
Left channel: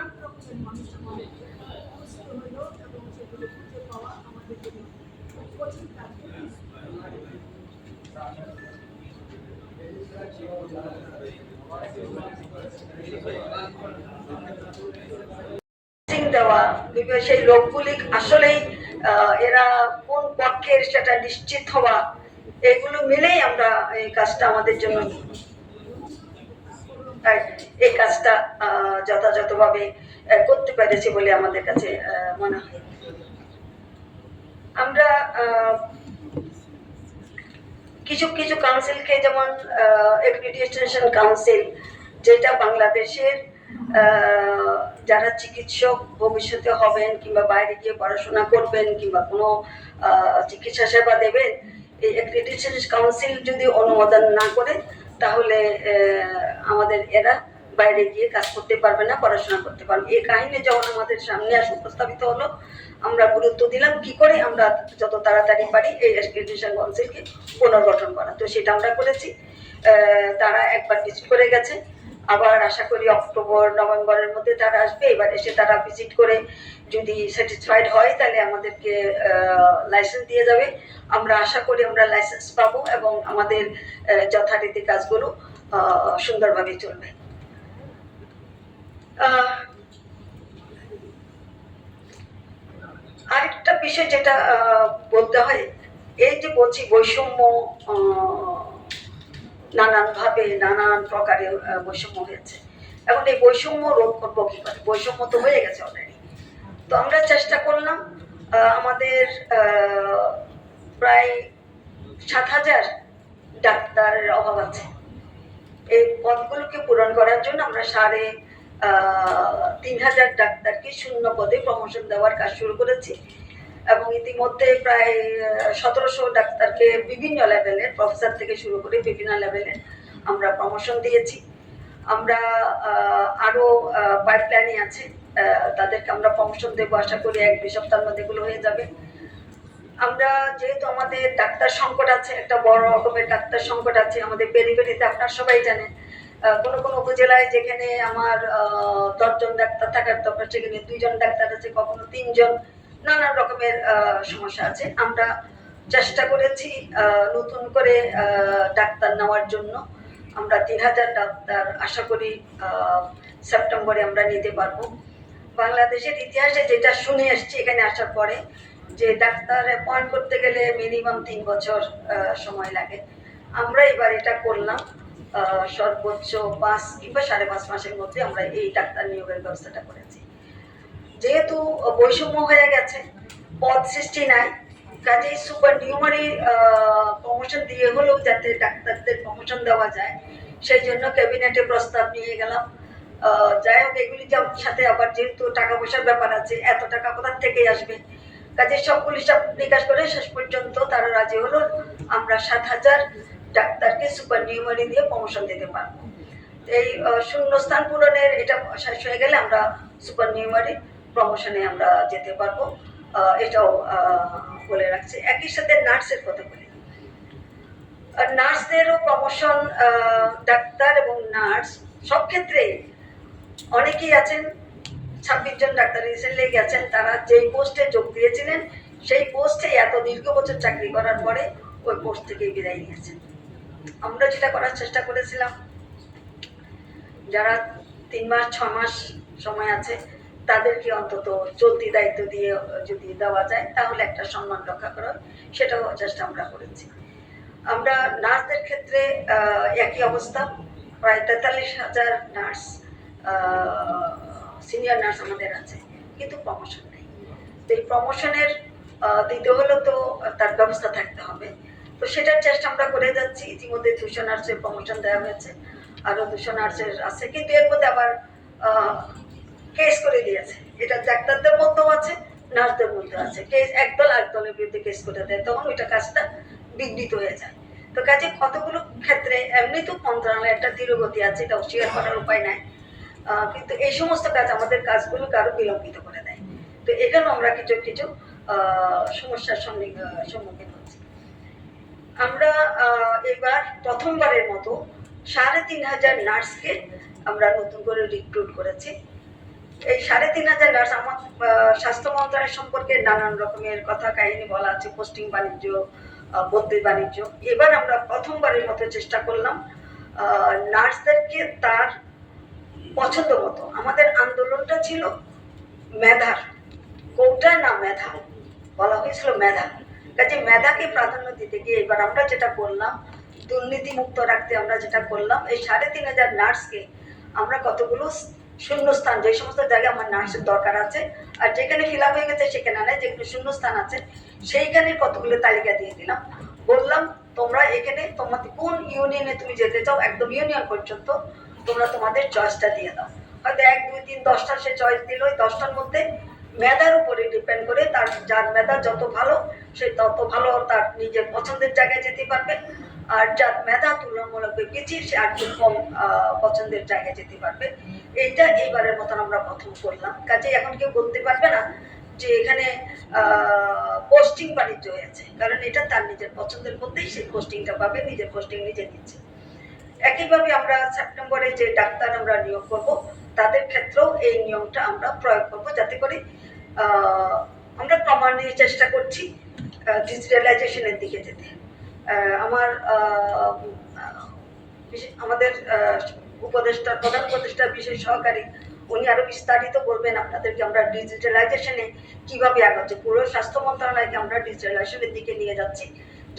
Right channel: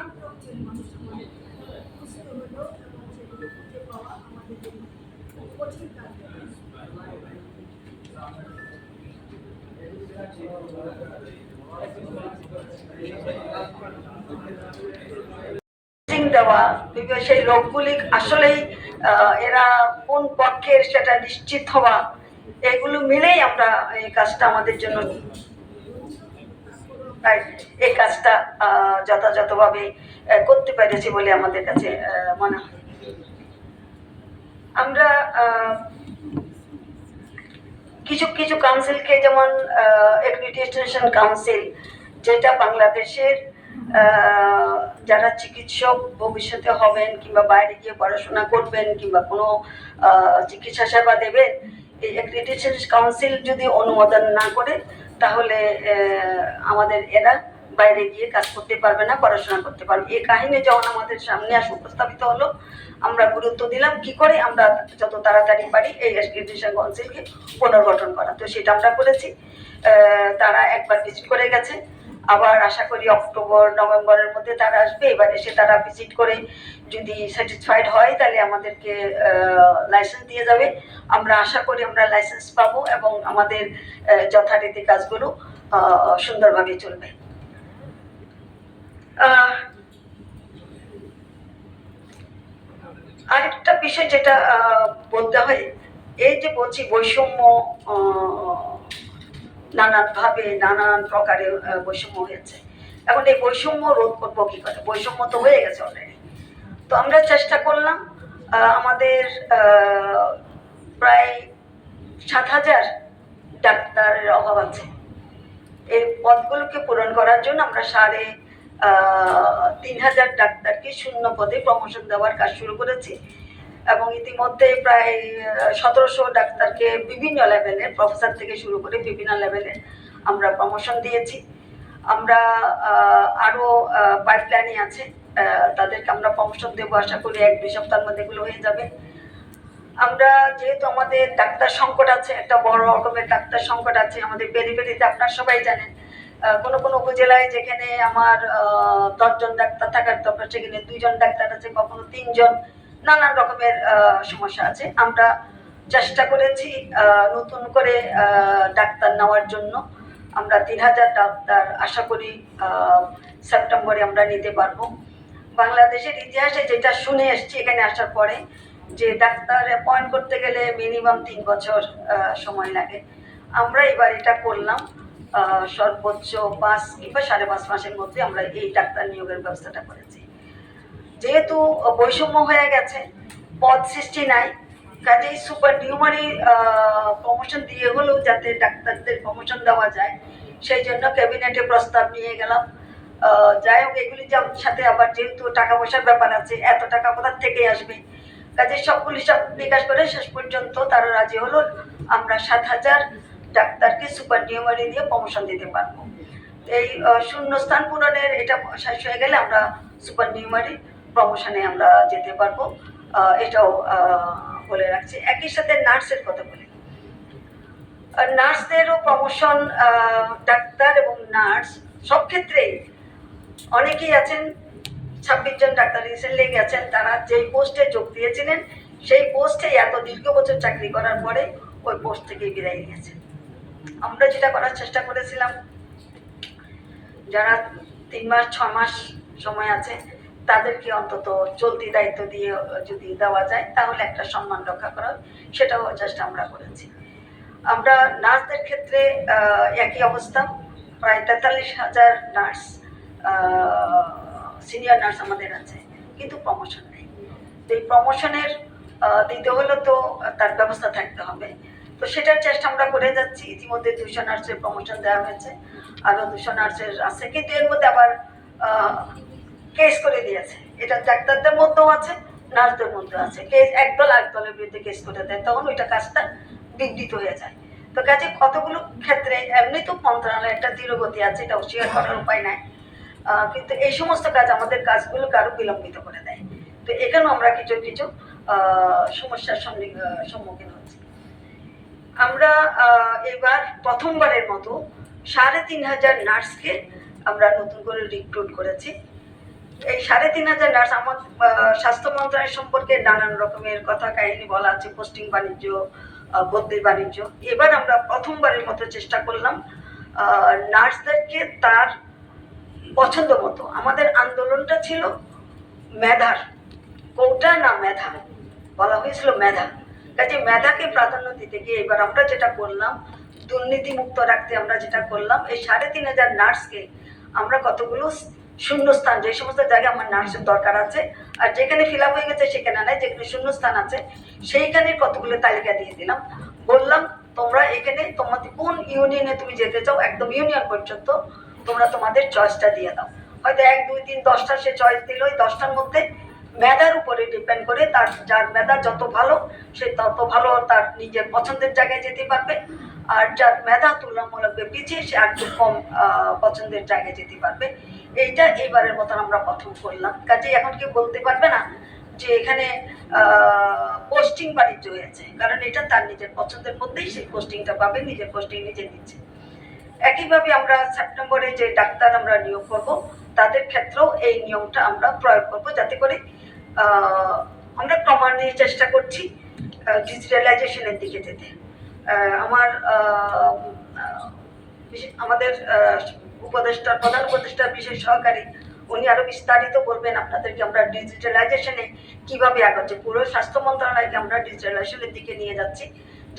দেওয়া, সেই লোকগুলি আসলেই এরা কোন পক্ষের সেটা নিশ্চিত হওয়া, এগুলো মিলেই আমরা এই কাজটা আমাদের জন্য, এই কাজটা যথাযথভাবে করতে পেরেছি বলে আমাদের কাছে মনে হয়। আমরা কিছু কিছু কাউন্সিলকে, যেমন অ্যাক্রিডিটেশন কাউন্সিল, যেটা বাংলাদেশের যারা চিকিৎসক ভবিষ্যতে হবেন কিংবা বাইরে গিয়ে পড়াশোনা করবেন কিংবা কোনো চিকিৎসা সেবা দেবেন, এই অ্যাক্রিডিটেশন কাউন্সিল যদি অনুমোদন না করে তাহলে আমাদের এরা বাইরে গিয়ে কাজ করতে পারবে না, পড়াশোনা করতে পারবে। এই কাহিনী যখন আমাদের সামনে আসে উপস্থাপিত হলো, আমরা গুরুত্ব দিলাম কি করে আমরা যত তাড়াতাড়ি পারি এই অ্যাক্রিডিটেশন কাউন্সিলকে পুনর্গঠন করা। তো সেটা আমরা করেছি। তারা একবার ভিজিট করে গেছে, আবার আশা করি অক্টোবর নভেম্বরের মধ্যে তারা আসবে। এবার এসে তারা ভিজিট করে যদি স্যাটিসফাইড হয় তাহলে আমাদেরকে লাইসেন্স দিয়ে যাবে। আমরা আশা করি আমরা লাইসেন্স পাবো এবং আমাদের যথারীতি কাজগুলো সুন্দরভাবে চলবে। আরেকটা বিষয় যেটা বলতে হয়, এই যে বলছি বৈষম্য, নানানভাবে নানান প্রকারে বৈষম্য হয়েছে। এখন এই বৈষম্য রোধ করবো কি করে? বৈষম্য তো হয়ে গেছে অলরেডি। তো আমরা চেষ্টা করলাম, আমাদের প্রায় 7,000 ডাক্তারের অভাব আছে। এই পদগুলোকে পূরণ করার জন্য আমরা 3,500 ডাক্তারকে শূন্য পদে প্রমোশন দেওয়ার কাজ শুরু করেছি এবং ইতিমধ্যে প্রায় 1,700 ডাক্তারকে বিভিন্ন লেভেলের, প্রফেসর থেকে শুরু করে বিভিন্ন লেভেলে আমরা প্রমোশন দিয়েছি। আমরা আরও পাইপলাইনে আছে, তাদেরকে আমরা প্রমোশন দেবো, আশা করি 1-2 সপ্তাহের মধ্যে এগুলো হয়ে যাবে। আমরা যেহেতু আমাদের ডাক্তার সংকট আছে, একটা বড় রকমের ডাক্তার সংকট আছে আমাদের পেরিফেরিতে, আপনারা সবাই জানেন। কোনো কোনো উপজেলায় যেখানে আমার 10 জন ডাক্তার থাকার দরকার সেখানে 2 জন ডাক্তার আছে, কখনো 3 জন, নানান রকমের সমস্যা আছে। আমরা চেষ্টা করেছি নতুন করে ডাক্তার নেওয়ার জন্য। আমরা 3,000 ডাক্তার আশা করি সেপ্টেম্বরে আমরা নিতে পারবো। বাংলাদেশের ইতিহাসে যেটা শুনে এসছি এখানে আসার পরে, যে ডাক্তার অ্যাপয়েন্ট করতে গেলে মিনিমাম 3 বছর সময় লাগে। আমরা এবার এটা করলাম সর্বোচ্চ 5 কিংবা 5.5 মাসের মধ্যে আমরা এই ডাক্তার নিয়োগের ব্যবস্থাটা করেছি। যেহেতু বৈষম্য হয়ে গেছে, পদ সৃষ্টি নাই, কাজেই সুপার নিউমারি প্রমোশন দিয়ে হলেও যাতে ডাক্তারদের প্রমোশন দেওয়া যায় সেই জন্য ক্যাবিনেটে প্রস্তাব নিয়ে গেলাম। যাই হোক, এগুলি সাথে আবার যেহেতু টাকা পয়সার ব্যাপার আছে, এত টাকা কোথার থেকে আসবে, কাজে সবগুলি সব বিকাশ করে শেষ পর্যন্ত তারা রাজি হলো আমরা 7,000 ডাক্তারকে সুপার নিউমারি দিয়ে প্রমোশন দিতে পারবো। এই শূন্যস্থান পূরণের এটা শেষ হয়ে গেলে আমরা সুপার নিউমারি প্রমোশনে আমরা যেতে পারবো, এটাও বলে রাখছি। একই সাথে নার্সের কথা বলি, নার্সদেরও প্রমোশন, ডাক্তার এবং নার্স সব ক্ষেত্রেই অনেকেই আছেন, 26 জন ডাক্তার রিসেন্টলি গেছেন, তারা যেই পোস্টে যোগ দিয়েছিলেন সেই পোস্টে এত দীর্ঘ বছর চাকরি করার পরে ওই পোস্ট থেকেই বিদায় নিয়েছেন। আমরা যেটা করার চেষ্টা করেছিলাম, যারা 3 মাস 6 মাস সময় আছে তাদেরকে অন্তত চলতি দায়িত্ব দিয়ে যদি দেওয়া যায় তাহলে একটা সম্মান রক্ষা করা, সেটাও চেষ্টা আমরা করেছি। আমরা নার্সদের ক্ষেত্রে একই অবস্থা, প্রায় 43,000 নার্স, সিনিয়র নার্স আমাদের আছে, কিন্তু প্রমোশন নেই। তো এই প্রমোশনের দিতে হলে তো তার ব্যবস্থা থাকতে হবে, তো সেটার চেষ্টা আমরা করে যাচ্ছি। ইতিমধ্যে 200 নার্সের প্রমোশন দেওয়া হয়েছে, আরও 200 নার্সের আছে, কিন্তু এর মধ্যে আবার কেস করে দিয়েছে, এটা ডাক্তারদের মধ্যেও আছে, নার্সদের মধ্যে আছে। কেস একদল আরেকদলের বিরুদ্ধে কেস করে দেয়, তখন ওইটা কাজটা বিঘ্নিত হয়ে যায়। তো কাজে কতগুলো ক্ষেত্রে এমনি তো মন্ত্রণালয়ে একটা ধীরগতি আছে, এটা অস্বীকার করার উপায় নাই, কিন্তু এই সমস্ত কাজ আমাদের কাজগুলোকে আরো বিলম্বিত করে দেয়। তো এখানেও আমরা কিছু কিছু সমস্যার সম্মুখীন হচ্ছি। আমরা এবার প্রথমবারের মতো 3,500 নার্সকে আমরা নতুন করে রিক্রুট করেছি। এই 3,500 নার্স, আমার স্বাস্থ্য মন্ত্রণালয় সম্পর্কে নানান রকমের কথা কাহিনী বলা আছে, পোস্টিং বাণিজ্য, বদলি বাণিজ্য। এবার আমরা প্রথমবারের মতো চেষ্টা করলাম নার্সদেরকে তার পছন্দ মতো, আমাদের আন্দোলনটা ছিল মেধার, কোটা না মেধা, বলা হয়েছিল মেধা, কাজে মেধাকে প্রাধান্য দিতে গিয়ে এবার আমরা যেটা করলাম, দুর্নীতি মুক্ত রাখতে আমরা যেটা করলাম, এই 3,500 নার্সকে আমরা কতগুলো শূন্যস্থান, যে সমস্ত জায়গায় আমার নার্সের দরকার আছে আর যেখানে ফিল আপ হয়ে গেছে সেখানে নাই, যেখানে শূন্যস্থান আছে সেইখানের কতগুলো তালিকা দিয়ে দিলাম, বললাম তোমরা এখানে তোমাদের কোন ইউনিয়নে তুমি যেতে চাও, একদম ইউনিয়ন পর্যন্ত তোমরা তোমাদের চয়েসটা দিয়ে দাও। হয়তো 1, 2, 3, 10টা সে চয়েস দিল, ওই 10টার মধ্যে মেধার উপরে ডিপেন্ড করে, তার যার মেধা যত ভালো সে তত ভালো তার নিজের পছন্দের জায়গায় যেতে পারবে, আর যার মেধা তুলনামূলকভাবে পিছিয়ে সে আর একটু কম পছন্দের জায়গায় যেতে পারবে। এইটা এইবারের মতন আমরা প্রথম করলাম। কাজে এখন কেউ বলতে পারবে না যে এখানে পোস্টিং বাণিজ্য হয়েছে, কারণ এটা তার নিজের পছন্দের মধ্যেই সেই পোস্টিংটা পাবে, নিজের পোস্টিং নিজে দিচ্ছে। একইভাবে আমরা সেপ্টেম্বরে যে ডাক্তার আমরা নিয়োগ করব তাদের ক্ষেত্রেও এই নিয়মটা আমরা প্রয়োগ করব, যাতে করে আমরা ক্রমান্বয়ে চেষ্টা করছি ডিজিটালাইজেশনের দিকে যেতে। আমাদের উপদেষ্টা, প্রধান উপদেষ্টার বিশেষ সহকারী উনি আরো বিস্তারিত বলবেন আপনাদেরকে আমরা ডিজিটালাইজেশনে কিভাবে আগাচ্ছি, পুরো স্বাস্থ্য মন্ত্রণালয়কে আমরা ডিজিটালাইজেশনের দিকে নিয়ে যাচ্ছি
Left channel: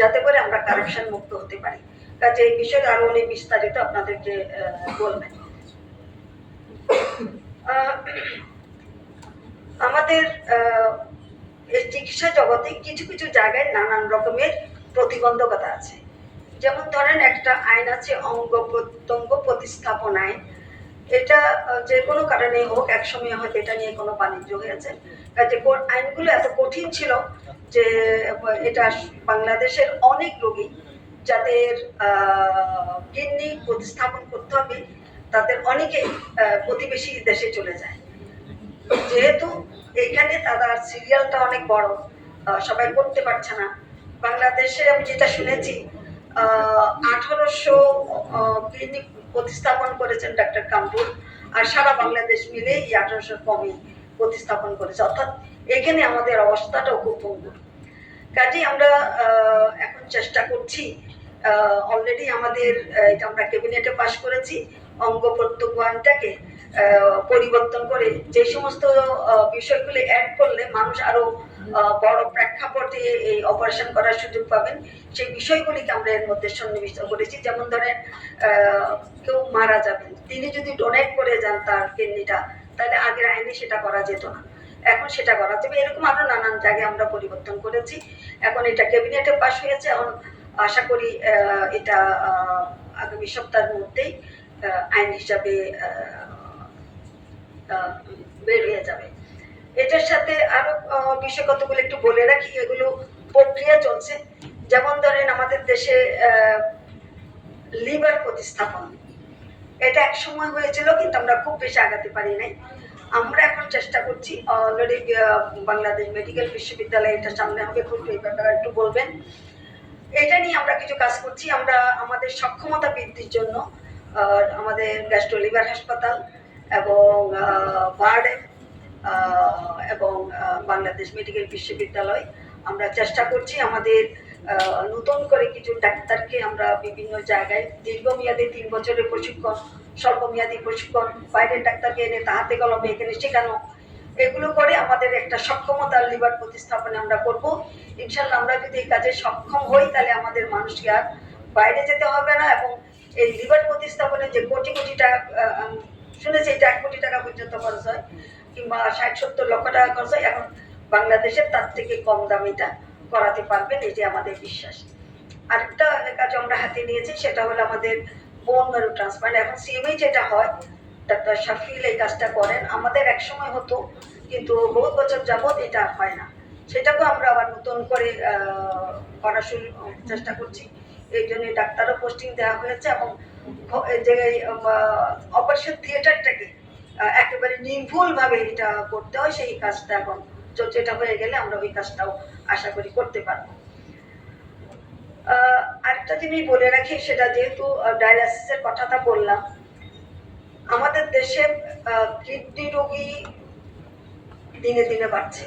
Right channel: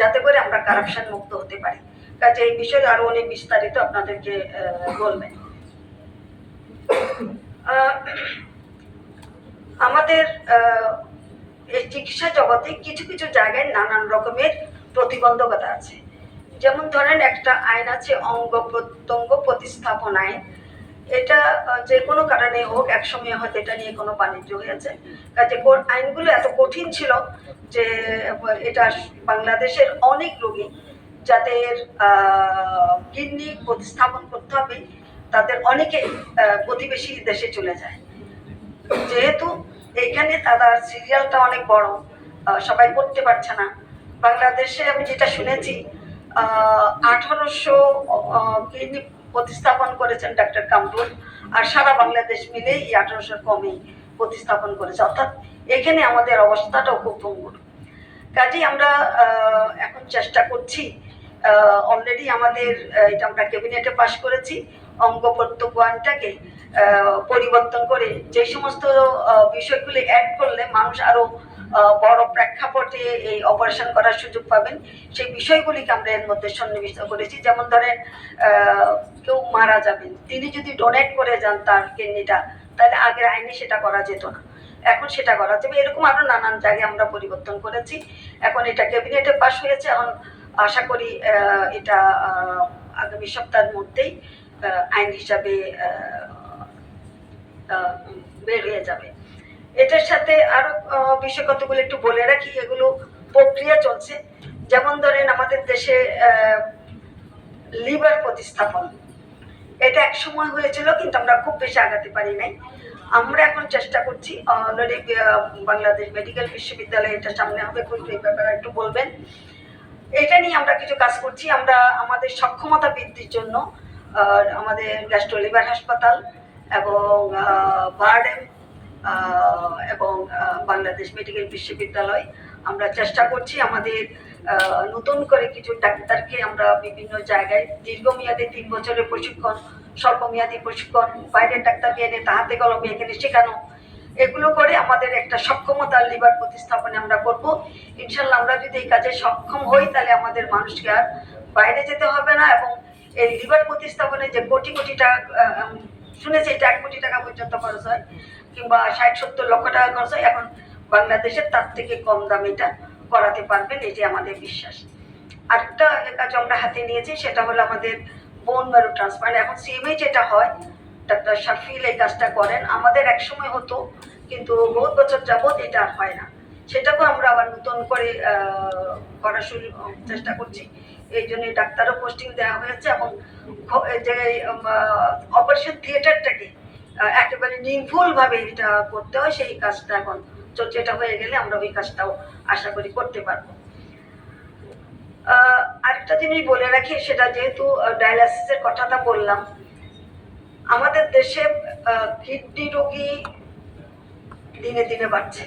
যাতে করে আমরা কারাপশন মুক্ত হতে পারি। কাজে এই বিষয়ে আরো অনেক বিস্তারিত আপনাদেরকে বলবেন। আমাদের এই চিকিৎসা জগতে কিছু কিছু জায়গায় নানান রকমের প্রতিবন্ধকতা আছে। যেমন ধরেন একটা আইন আছে অঙ্গ প্রত্যঙ্গ প্রতিস্থাপন আইন। এটা যে কোনো কারণে হোক একসময় হয়তো এটা নিয়ে কোনো বাণিজ্য হয়েছে। কাজে আইনগুলো এত কঠিন ছিল যে এটা বাংলাদেশের অনেক রোগী যাদের কিডনি প্রতিস্থাপন করতে হবে তাদের অনেকে প্রতিবেশী দেশে চলে যায়। যেহেতু এইখানে তাদের সিরিয়ালটা অনেক বড়, সবাই করতে পারছে না। বাংলাদেশে আমি যেটা শুনেছি 1800 কিডনি প্রতিস্থাপন করেছেন ডাক্তার কামরুল, আর সারা বাংলাদেশ মিলে এই 1800 কমই প্রতিস্থাপন করেছে। অর্থাৎ এখানে আমাদের অবস্থাটাও খুব ভঙ্গুর। কাজেই আমরা এখন চেষ্টা করছি, অলরেডি আমাদের এটা আমরা ক্যাবিনেটে পাশ করেছি, অঙ্গ প্রত্যঙ্গ আইনটাকে পরিবর্তন করে যে সমস্ত বিষয়গুলি অ্যাড করলে মানুষ আরো বড় প্রেক্ষাপটে এই অপারেশন করার সুযোগ পাবেন সেই বিষয়গুলিকে আমরা এর মধ্যে সন্নিবিষ্ট করেছি। যেমন ধরেন কেউ মারা যাবেন, তিনি যদি ডোনেট করে যান তার কিডনিটা, তাহলে আগের আইনে সেটা করা যেত না, এখন সেটা করা যাবে। এরকম আরো নানান জায়গায় আমরা পরিবর্তন করেছি। এখন এটা ক্যাবিনেটে পাশ হয়েছে, এখন আশা করি এটা আগামী সপ্তাহের মধ্যেই আইন হিসাবে বের হয়ে যাবে। এটার সাথে আরো বিষয় কতগুলো একটু বলে রাখি, এগুলো প্রক্রিয়া চলছে। যেমন ধরেন আমাদের দেশে লিভার প্রতিস্থাপন, এটা এক সময় হয়েছিল কিন্তু আমরা খুব বেশি আগাতে পারি নাই। আমরা এখন চেষ্টা করছি, অলরেডি বাংলাদেশ মেডিকেল বিশ্ববিদ্যালয়ে এটা সামনে হবে, খুব এই ব্যাপারে একটু বলবেন। এটা নিয়ে আমরা কিছু কাজ করছি। আমরা আমাদের সক্ষমতা বৃদ্ধির জন্য আমাদের গ্যাস্ট্রো লিভার হাসপাতাল এবং বারডেম এবং বাংলাদেশ মেডিকেল বিশ্ববিদ্যালয় আমরা চেষ্টা করছি আমাদের নতুন করে কিছু ডাক্তারকে আমরা বিভিন্ন জায়গায় দীর্ঘমেয়াদী 3 বছরের প্রশিক্ষণ, স্বল্পমেয়াদী প্রশিক্ষণ, বাইরের ডাক্তারকে এনে হাতে কলমে এখানে শেখানো, এগুলো করে আমাদের একটা সক্ষমতা লিভার প্রতিস্থাপনে আমরা করব। ইনশাল্লাহ আমরা যদি এই কাজে সক্ষম হই তাহলে আমাদের মানুষকে আর বাইরে যেতে হবে না, এবং এই লিভার প্রতিস্থাপনে যে কোটি কোটি টাকা শুনেছি, এটা 1 কোটি টাকা পর্যন্ত খরচ হয়, কিংবা 60-70 লক্ষ টাকা খরচ হয়, এখন বাংলাদেশের তার থেকে কম দামে এটা করাতে পারবেন, এটি আমাদের বিশ্বাস। আরেকটা কাজ আমরা হাতে নিয়েছি, সেটা হলো আমাদের বোন ম্যারো ট্রান্সপ্লান্ট। এখন সিএমএই যেটা হয়, ডাক্তার শাফিল এই কাজটা করেন, আমাদের এক সময় হতো কিন্তু বহুত বছর যাবত এটা আর হয় না। সেটাকেও আমরা আবার নতুন করে করার চেষ্টা করছি। এই জন্য ডাক্তারও পোস্টিং দেওয়া হয়েছে, এবং যে অপারেশন থিয়েটারটাকে একেবারে নির্ভুলভাবে এটা করতে হয় সেই কাজটা এখন চলছে। এটা হয়ে গেলে আমরা ওই কাজটাও আশা করি করতে পারবো। আরেকটা জিনিস বলে রাখি, সেটা যেহেতু ডায়ালাইসিসের কথাটা বললাম, আমাদের দেশে কিডনি রোগী দিনে দিনে বাড়ছে।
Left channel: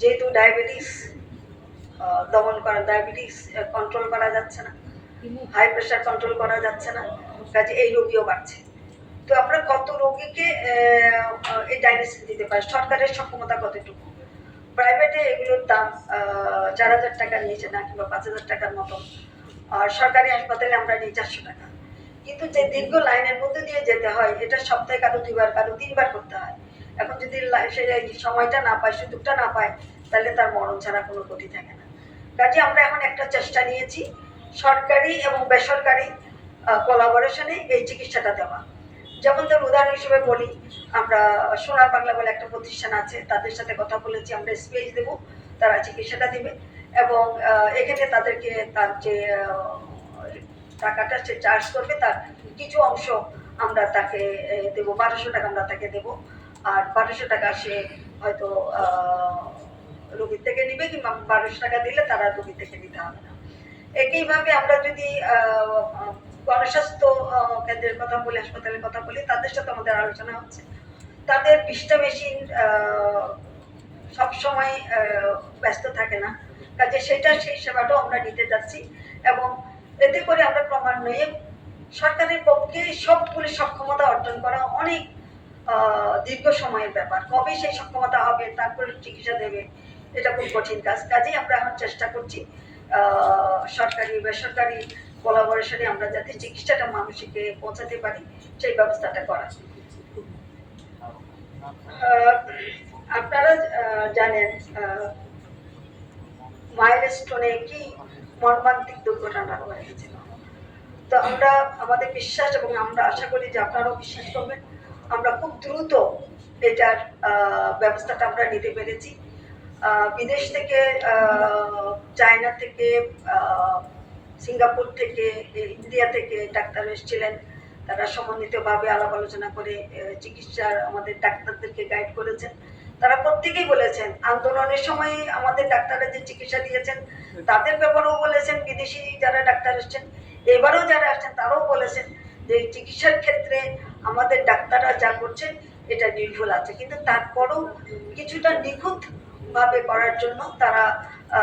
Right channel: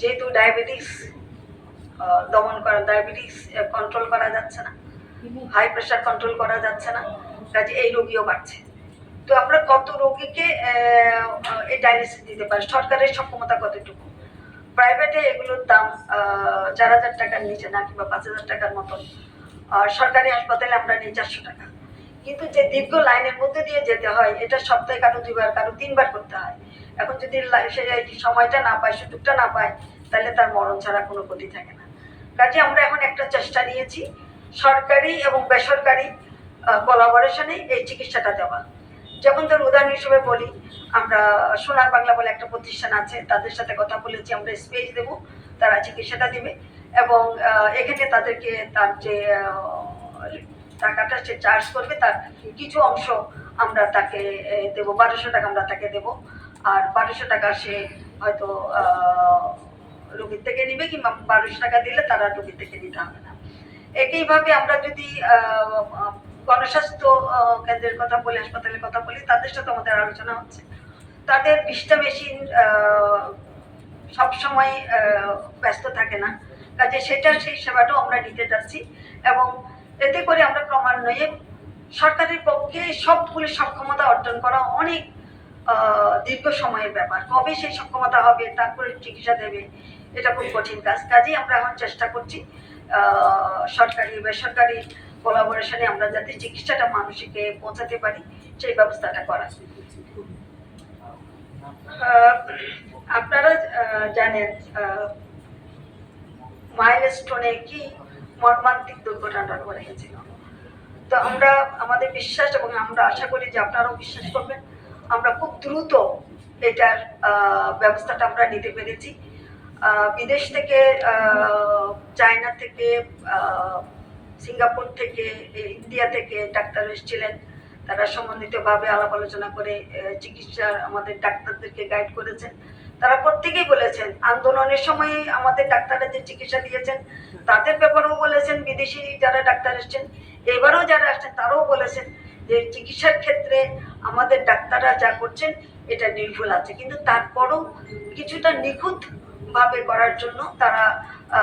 যেহেতু ডায়াবেটিস দমন করা, ডায়াবেটিস কন্ট্রোল করা যাচ্ছে না, হাই প্রেশার কন্ট্রোল করা যাচ্ছে না, কাজে এই রোগীও বাড়ছে। তো আমরা কত রোগীকে এই ডায়ালিসিস দিতে পারি, সরকারের সক্ষমতা কতটুকু? প্রাইভেটে এগুলোর দাম 4000 টাকার নিচে না, কিংবা 5000 টাকার মতন। আর সরকারি হাসপাতালে আমরা নিই 400 টাকা। কিন্তু যে দীর্ঘ লাইনের মধ্যে দিয়ে যেতে হয়, এটা সপ্তাহে কারো 2 বার কারো 3 বার করতে হয়। এখন যদি সময়টা না পায়, সুযোগটা না পায়, তাহলে তার মরণ ছাড়া কোনো গতি থাকে না। কাজে আমরা এখন একটা চেষ্টা নিয়েছি সরকারি এবং বেসরকারি কোলাবোরেশনে এই চিকিৎসাটা দেওয়া। যেমন ধর উদাহরণ হিসেবে বলি, আমরা সোনার বাংলা বলে একটা প্রতিষ্ঠান আছে, তাদের সাথে কথা বলেছি, আমরা স্পেস দেবো, তারা চিকিৎসাটা দিবে, এবং এখানে তাদেরকে তার যে টাকাটা সে চার্জ করবে তার কিছু অংশ আমরা তাকে দেবো, 1200 টাকা আমরা তাকে দেবো, আর 1200 টাকা সে হয়তো রোগীর থেকে নিবে, কিংবা 1200 টাকা দিলে তারা রোগীর থেকে নিতে হবে না। একইভাবে আমরা যদি গণস্বাস্থ্য কেন্দ্রের কথা বলি, হাসপাতালের কথা বলি, তাদের সাথে আমাদের আলোচনা হচ্ছে। তাদের 20টা মেশিন সবসময় ব্যস্ত থাকে না, কাজে সেই সেবাটাও আমরা নিতে যাচ্ছি, এবং এতে করে আমরা ক্রমান্বয়ে সরকারের পক্ষে সবগুলি সক্ষমতা অর্জন করা অনেক দীর্ঘ সময়ের ব্যাপার। কবে সেই সক্ষমতা হবে, তারপরে চিকিৎসা দেবে, এটা খুব কঠিন কাজ। কাজেই আমরা এখন চেষ্টা করছি সরকারি বেসরকারি কোলাবোরেশনে আমরা যাতে চিকিৎসাটা মানুষকে পৌঁছাতে পারি সেই ব্যবস্থাটা করা। আপনারা জানেন মাইলস্টোনে কি মর্মান্তিক দুর্ঘটনা ঘটে গেছিল। তো আমরা আমাদের বিশ্বাস এবং আমরা আশা করি যে আপনারাও বিশ্বাস করবেন, আমরা খুব দ্রুত এটার ব্যবস্থাটা আমরা নিতে পেরেছি। বিদেশ থেকে, চায়না থেকে, সিঙ্গাপুর থেকে, ইন্ডিয়া থেকে ডাক্তার এসেছিলেন। তারা সমন্বিতভাবে আলাপ আলোচনা করে চিকিৎসার আমাদের ডাক্তারদেরকে গাইড করেছেন। তারা প্রত্যেকেই বলেছেন আন্দোলনের সময় আমাদের ডাক্তাররা যে চিকিৎসা দিয়েছেন তাদের ব্যাপারেও বলেছেন, বিদেশি যারা ডাক্তার এসছেন এবারেও যারা আসছেন তারাও বলেছেন যে চিকিৎসার ক্ষেত্রে আমাদের ডাক্তাররা যা করছেন এটা নির্ভুল আছে, কিন্তু তারপরেও কিছুটা নিখুঁত ভাবে করার জন্য তারা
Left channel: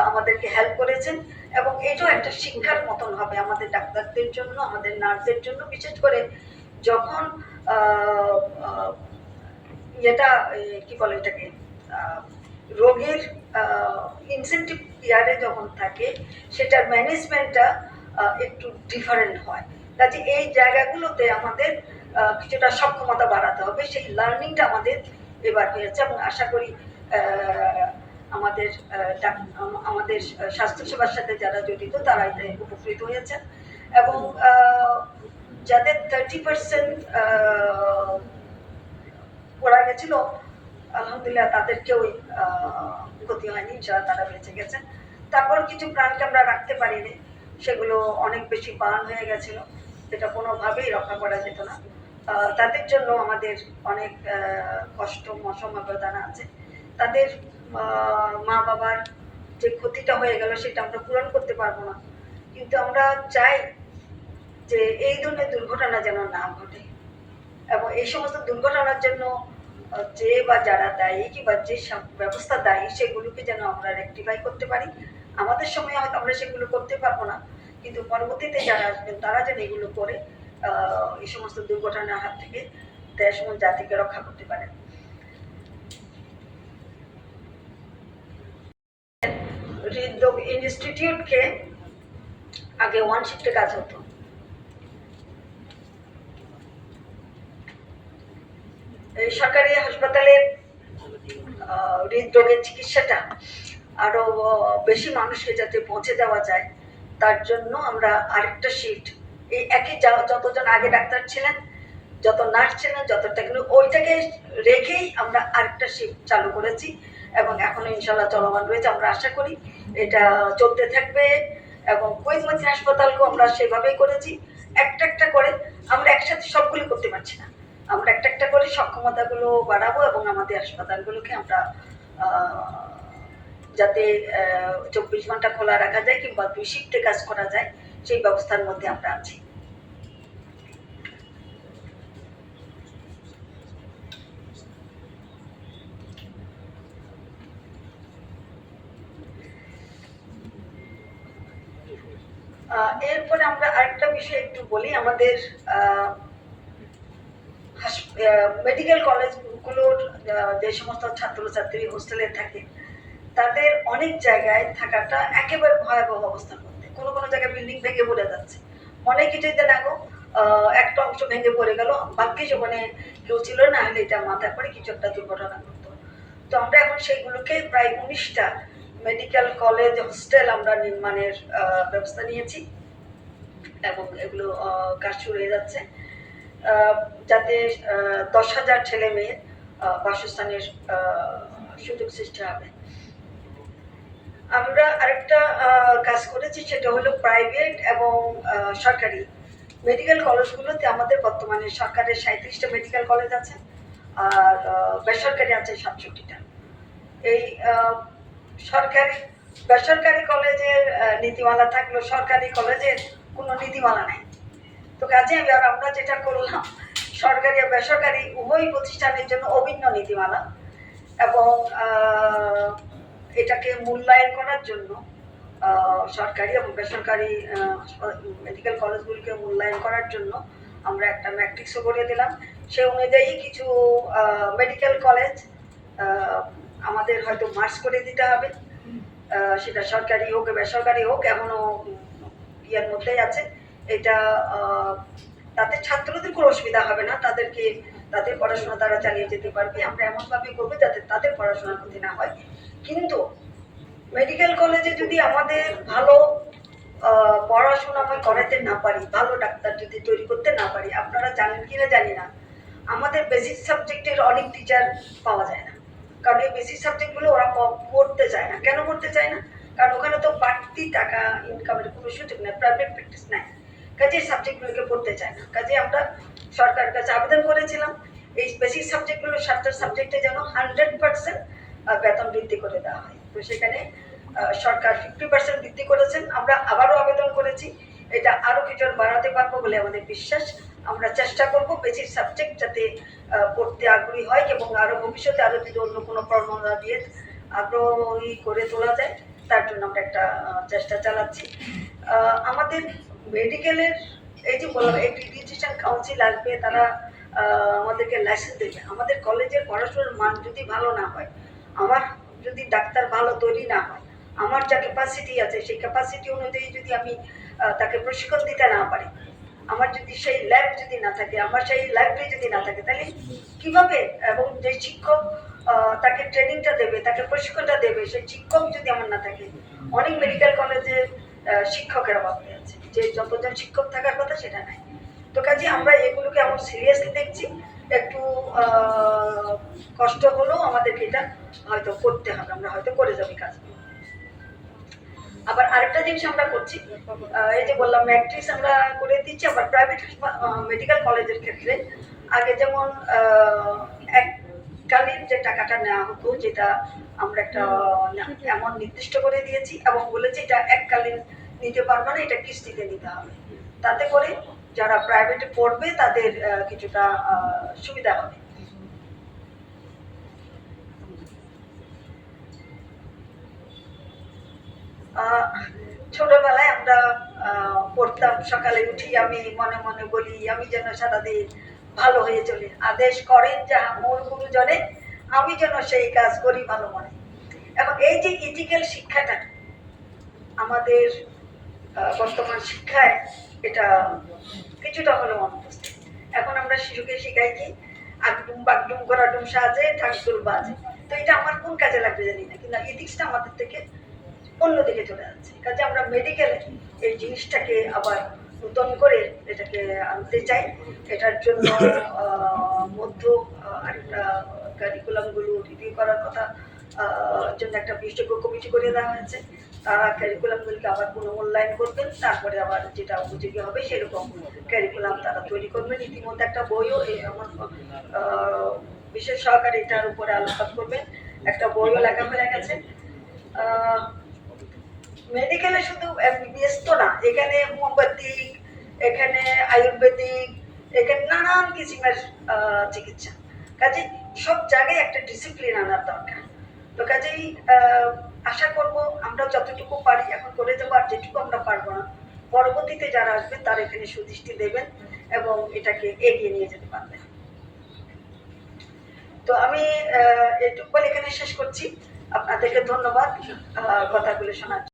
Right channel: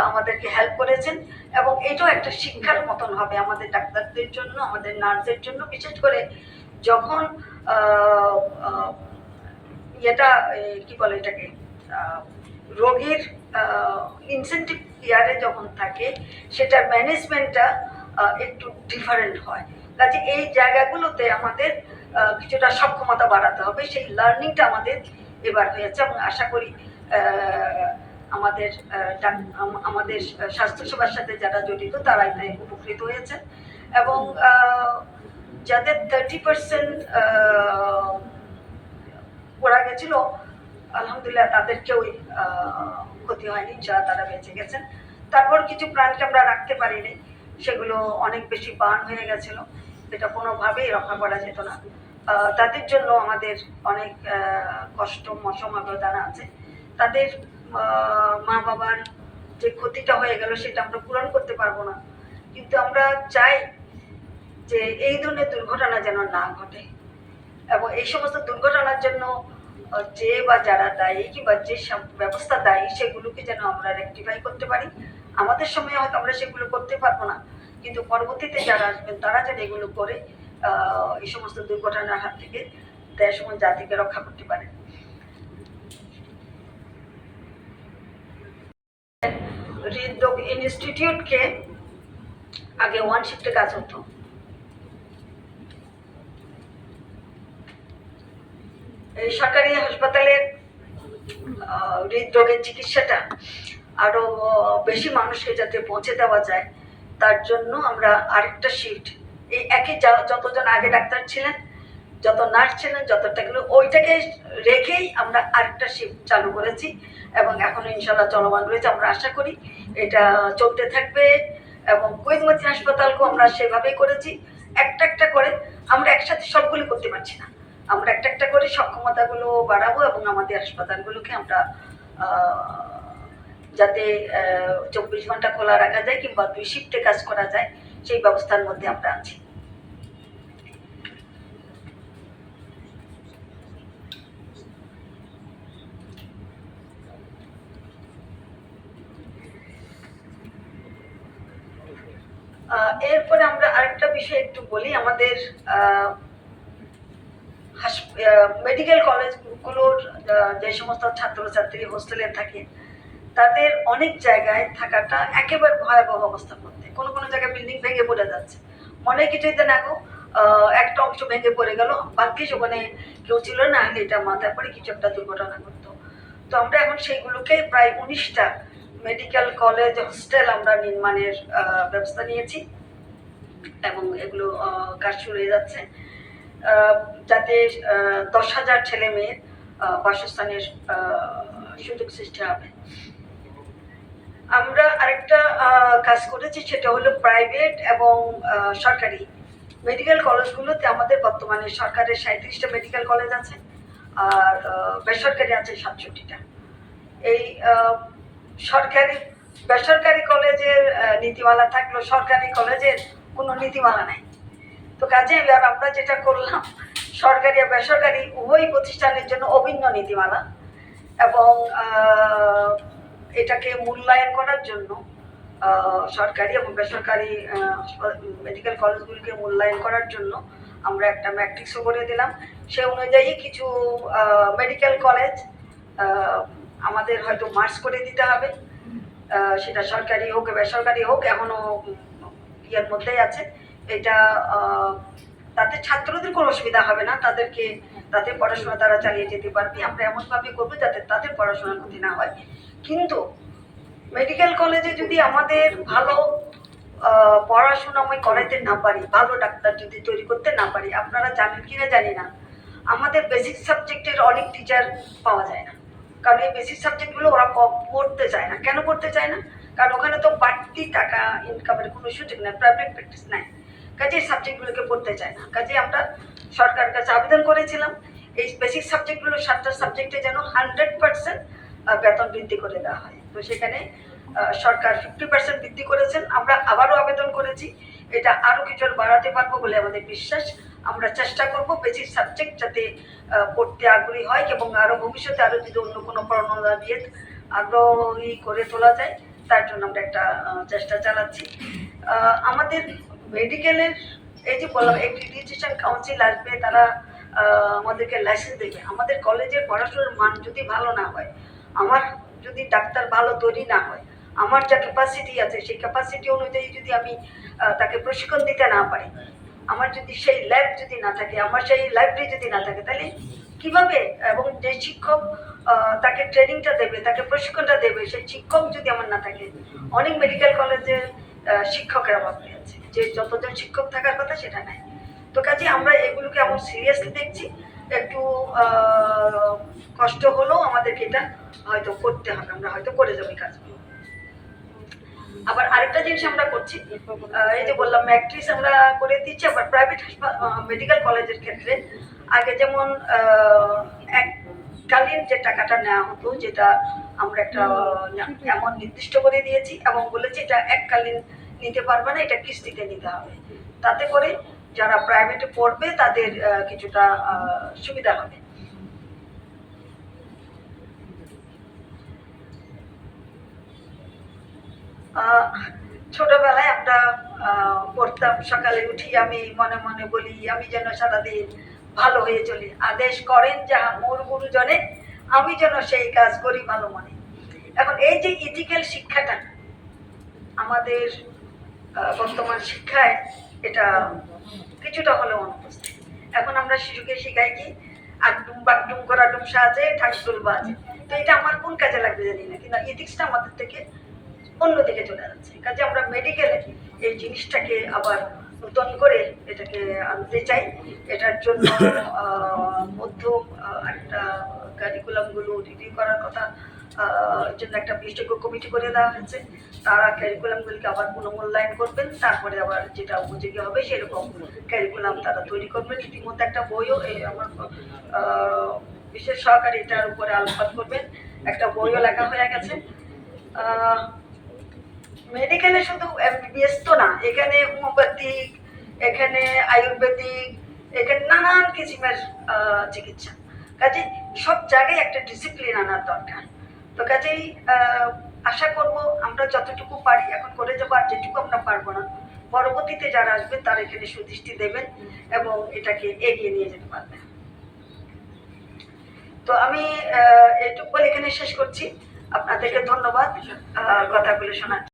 আমাদেরকে হেল্প করেছেন এবং এটাও একটা শিক্ষার মতন হবে আমাদের ডাক্তারদের জন্য, আমাদের নার্সদের জন্য। বিশেষ করে যখন এটা কি বলে এটাকে রোগীর ইনসেন্টিভ কেয়ারে যখন থাকে সেটার ম্যানেজমেন্টটা একটু ডিফারেন্ট হয়। কাজে এই জায়গাগুলোতে আমাদের কিছুটা সক্ষমতা বাড়াতে হবে, সেই লার্নিংটা আমাদের এবার হয়েছে এবং আশা করি আমাদের স্বাস্থ্যসেবার সাথে যারা জড়িত তারা এতে উপকৃত হয়েছে এবং যাদের 30% পড়া গেছিল আলহামদুলিল্লাহ তাদেরকেও ক্ষতি হয়নি, যারা তারা বেঁচে গেছেন। তারপর কিছু প্রাণকে আমরা রাখতে পারিনি, সেগুলো অনেক বেশি বার্ন হয়ে গেছিল, এটা কোনোভাবেই রক্ষা করা যেত না। তাদের জন্য আমাদের অনেক কষ্ট সমবেদনা আছে। তাদের মা বাবার যে ক্ষতিটা হয়ে গেল সেটা আমরা পূরণ করতে পারবো না, কিন্তু আমরা চাই যে এই ধরনের দুর্ঘটনা যেন না ঘটে এবং এই সমস্ত দুর্ঘটনার জন্য যে বা যারা দায়ী কিংবা যে ব্যবস্থা দায়ী সেগুলোকে যেন আমরা রেকটিফাই করতে পারি। আমাদের সময় হয়তো আমরা সেগুলো করতে পারবো না, কিন্তু পরবর্তীতে যারা আসবেন তারা যেন এগুলো করে এই সমস্ত দুর্ঘটনার হাত থেকে দেশ এবং জাতিকে রক্ষা করতে পারেন। হৃদরোগ ইনস্টিটিউটকে আগে ওয়ান শিফটে কাজ হতো, এই সরকারি হাসপাতালের হৃদরোগের চিকিৎসাটা আরো বেশি মানুষকে যাতে পৌঁছে দেওয়া যায় তার জন্য আমরা আরেকটা শিফট, এই একই যতজন আগে ডাক্তার ছিলেন, যত নার্স ছিলেন, যত টেকনিক, ওইটাকে রেখেই আমরা আরেকটা শিফট চালু করেছি এবং এখনো ইনশাল্লাহ চলমান রয়েছে। আমরা আশা করি এটা চলতে থাকবে এবং কুয়েত মতিন হাসপাতালকেও আমরা সেভাবেই করেছি। একটা একটা করে আমরা একসাথে সবগুলো করতে পারছি না, আমরা একটা একটা করে সক্ষমতাগুলো বাড়াবো এবং আমাদের হাসপাতালগুলোকে আমরা যাতে 24 ঘন্টা খোলা রাখা যায় কিংবা 2 শিফটে কাজ করা যায় সেই ব্যবস্থার মধ্যে আমরা আছি। এরপরে আমরা আরেকটা বিষয় একটু বলি, আমাদের মেডিকেল কলেজগুলোর যে সমস্ত ছাত্রছাত্রী হোস্টেলে থাকে তাদের অনেক জায়গায় থাকাটা একেবারে ভয়াবহ অবস্থার মধ্যে। কোনো কোনো জায়গায় বিল্ডিং ভেঙে পড়ে যাচ্ছে, মনে কিছুদিন আগেও একটা অংশ ভেঙে পড়ে গেল, ভাগ্যিস ওখানে কেউ ছিল না, হলে এটা মাথায় পড়ে কিছু একটা দুর্ঘটনা ঘটতো। তো আমরা এখন সেইগুলোকে প্রায় 19টা মেডিকেল কলেজ হোস্টেল আমরা নির্মাণের ব্যবস্থা নিয়েছি এবং এগুলো কাজ শুরু হয়ে যাচ্ছে যাতে 10,000 ছেলে মেয়ের বাসস্থানের সুযোগ সৃষ্টি হবে। আমরা আরেকটা কাজ করেছি, সেটা হলো প্রাইভেট এবং সরকারি মেডিকেল কলেজগুলোতে আমাদের বর্তমানে সরকারের 37টা মেডিকেল কলেজ আছে আর বেসরকারি আছে 67টা। এই সরকারি বেসরকারি কলেজের নীতিমালা থাকলেও সরকারি কলেজের কোনো নীতিমালা নেই। তো কাজে আমরা যেটা করলাম, সরকারি আর বেসরকারি উভয় প্রতিষ্ঠানের জন্য অভিন্ন নীতিমালা এবং এটাকে মূল্যায়ন করার জন্য সরকারি এবং বেসরকারি মেডিকেল কলেজগুলিকে মূল্যায়ন করার জন্য আমরা একটা ম্যাট্রিক্সও করে দিলাম। সে অনুযায়ী কিছু মেডিকেল কলেজ আমাদের হয়তো মার্চ করে দিতে হবে, সেটা সরকারি হোক বেসরকারি হোক, এখনো ইয়ের মধ্যেই আছে। এটা তাতে ছাত্রদের কোনো অসুবিধা হবে না, তাদের পড়াশোনা তারা চালিয়ে যেতে পারবে। আমরা এমনভাবে করবো যাতে তাদের পড়াশোনার ক্ষতি না হয়। কিন্তু মেডিকেল কলেজে যদি আমাদের ভালো পড়াশোনা আমি করাইতে না পারি, ভালো ডাক্তার যদি তৈরি করতে না পারি, আপনারা জানেন কিনা জানি না, আমাদের বেসিক সাবজেক্টের অনেক টিচার পাওয়া যায় না। কারণ এই বেসিক সাবজেক্টগুলো ওরা পড়তে চায় না। কেন পড়তে চায় না? কারণ ওখানে তো বাড়তি টাকা ইনকামের কোনো সুযোগ নেই, প্রাইভেট প্র্যাকটিস নাই, কাজে এই সাবজেক্টগুলোকে পড়তে চায় না। কাজে আমরা সরকারের কাছে আবেদন করেছিলাম এই বেসিক সাবজেক্টগুলো 7টা সাবজেক্টে যেন 100% বেতন বৃদ্ধি করে দেওয়া হয়। তো সেখানে সরকার 50% বৃদ্ধি করেছেন। আমরা আবারও আবেদন করেছি, এটা আরও কিছু বাড়াতে পারবো বলে আমাদের বিশ্বাস। আমরা চেষ্টা করব বেসিক সাবজেক্ট যাতে পড়তে আগ্রহী হয় এবং আরও ভবিষ্যতে আরও যদি অন্য কোনো পড়াশোনা দিয়ে আগ্রহী করে তোলা যায়, তার জন্য আমরা একটা চেষ্টা চালাচ্ছি। আমাদের মেডিকেলের এই যে বললাম এক্রিডিটেশন কাউন্সিল আসবে, তারা আমাদেরকে লাইসেন্স দেবে। আমাদের কলেজের পড়াশোনার মান যদি ভালো না হয়, আমার যদি ডাক্তার ভালো তৈরি না হয়, আমার যা ক্যাপাসিটি আছে সেই ক্যাপাসিটি অনুযায়ী যদি আমি তাকে প্রশিক্ষণ দিতে না পারি, আমার যদি সেই ল্যাব যদি না থাকে, আমার সেই লাইব্রেরি যদি না থাকে, তাহলে কিভাবে? এবং যে শিক্ষক তাকে ট্রেনিংটা দেবে, তাকে প্রশিক্ষণটা দেবে, সেই শিক্ষক যদি আমার না থাকে, অনেক মেডিকেল কলেজে শিক্ষকের অভাব আছে, যে যতজন শিক্ষক থাকার কথা সেটা নাই। তো কাজে আমরা এগুলোকে এমন সিরিয়াসলি দেখছি, একটু কষ্ট হলেও আমাদেরকে এটা হয়তো করতে হবে, আমরা হয়তো করে যাবো কাজগুলো। আবার আরেকটা জিনিস আমরা করছি, এই যে বললাম ম্যাট্রিক্স আমরা করে দিচ্ছি। আবার প্রাইভেট মেডিকেল কলেজের ক্ষেত্রে আগে যেমন এককালীন যে টাকাটা নেওয়া হতো, যেটা আমরা একটা এমন নির্দিষ্ট করে দিয়েছি এবং বলেছি এটা এককালীন নিতে পারবে না, এটা কিস্তিতে নিতে হবে। তাতে করে যারা প্রাইভেটে পড়বে তাদের কিছুটা সুবিধা হবে। ছোটবেলায় আমরা পড়তাম, সকালে উঠি আমি মনে মনে বলি আমি যেন সারাদিন ভালো হয়ে চলি, আদেশ করেন যাহা মোর গুরুজনে, আমি যেন সেই কাজ করি ভালো মনে। এখন এই যে ইথিক্যাল শিক্ষাটা আমাদের বর্তমান শিক্ষায় এটা কিছুটা হলেও অনুপস্থিত। এখন আমরা শিশুকে শিখাই কি আগডুম বাগডুম করা ডুম সাজে ঠাকুর বাজে। তো এটা আমার কোন কাজে লাগবে জানি না, কিন্তু ইথিক্সটা আমাদের থেকে অন্যদিকে চলে যাচ্ছে। কাজে আমরা মেডিকেলে এই জিনিসটাকে আবার নতুন করে এটাকে আনতে চাই। এটার জন্য একটা কারিকুলামগুলো রিভিউ করার কথা জন্য একটা বিশেষজ্ঞ কমিটি করে দেওয়া হয়েছে। তারা ক্যারিকুলামগুলিকে আবার পুনর্মূল্যায়ন করবেন, তারপরে আবার যেটা উপযোগী হবে সেরকম ক্যারিকুলাম তারা তৈরি করবেন। ইতিমধ্যে একটা বইও আমার বিশেষ সহকারী এটার উপরে আলোকপাত করবেন, একটা বইও লেখা হয়ে গেছে। মেডিকেলে শুধু এমবিবিএস তো না, এখানে হোমিওপ্যাথিক, এখানে আয়ুর্বেদিক, এখানে নানান কিসিমের চিকিৎসা। কাজে সব জায়গায় একটা ডিসিপ্লিন আনার দরকার। তো কাজেই আশা করব আমরা যতটুকু পারি এখন করে যাবো, আর যেটুকু আমরা পারবো না পরবর্তীতে যারা আসবেন তারা এখানে সুদৃষ্টি দেবেন এবং এটাকে এগিয়ে নিয়ে যেতে পারবেন। তো আমি এটুকু বলে এখানে শেষ করছি। আপনাদেরকে ধন্যবাদ কথাগুলো শোনার।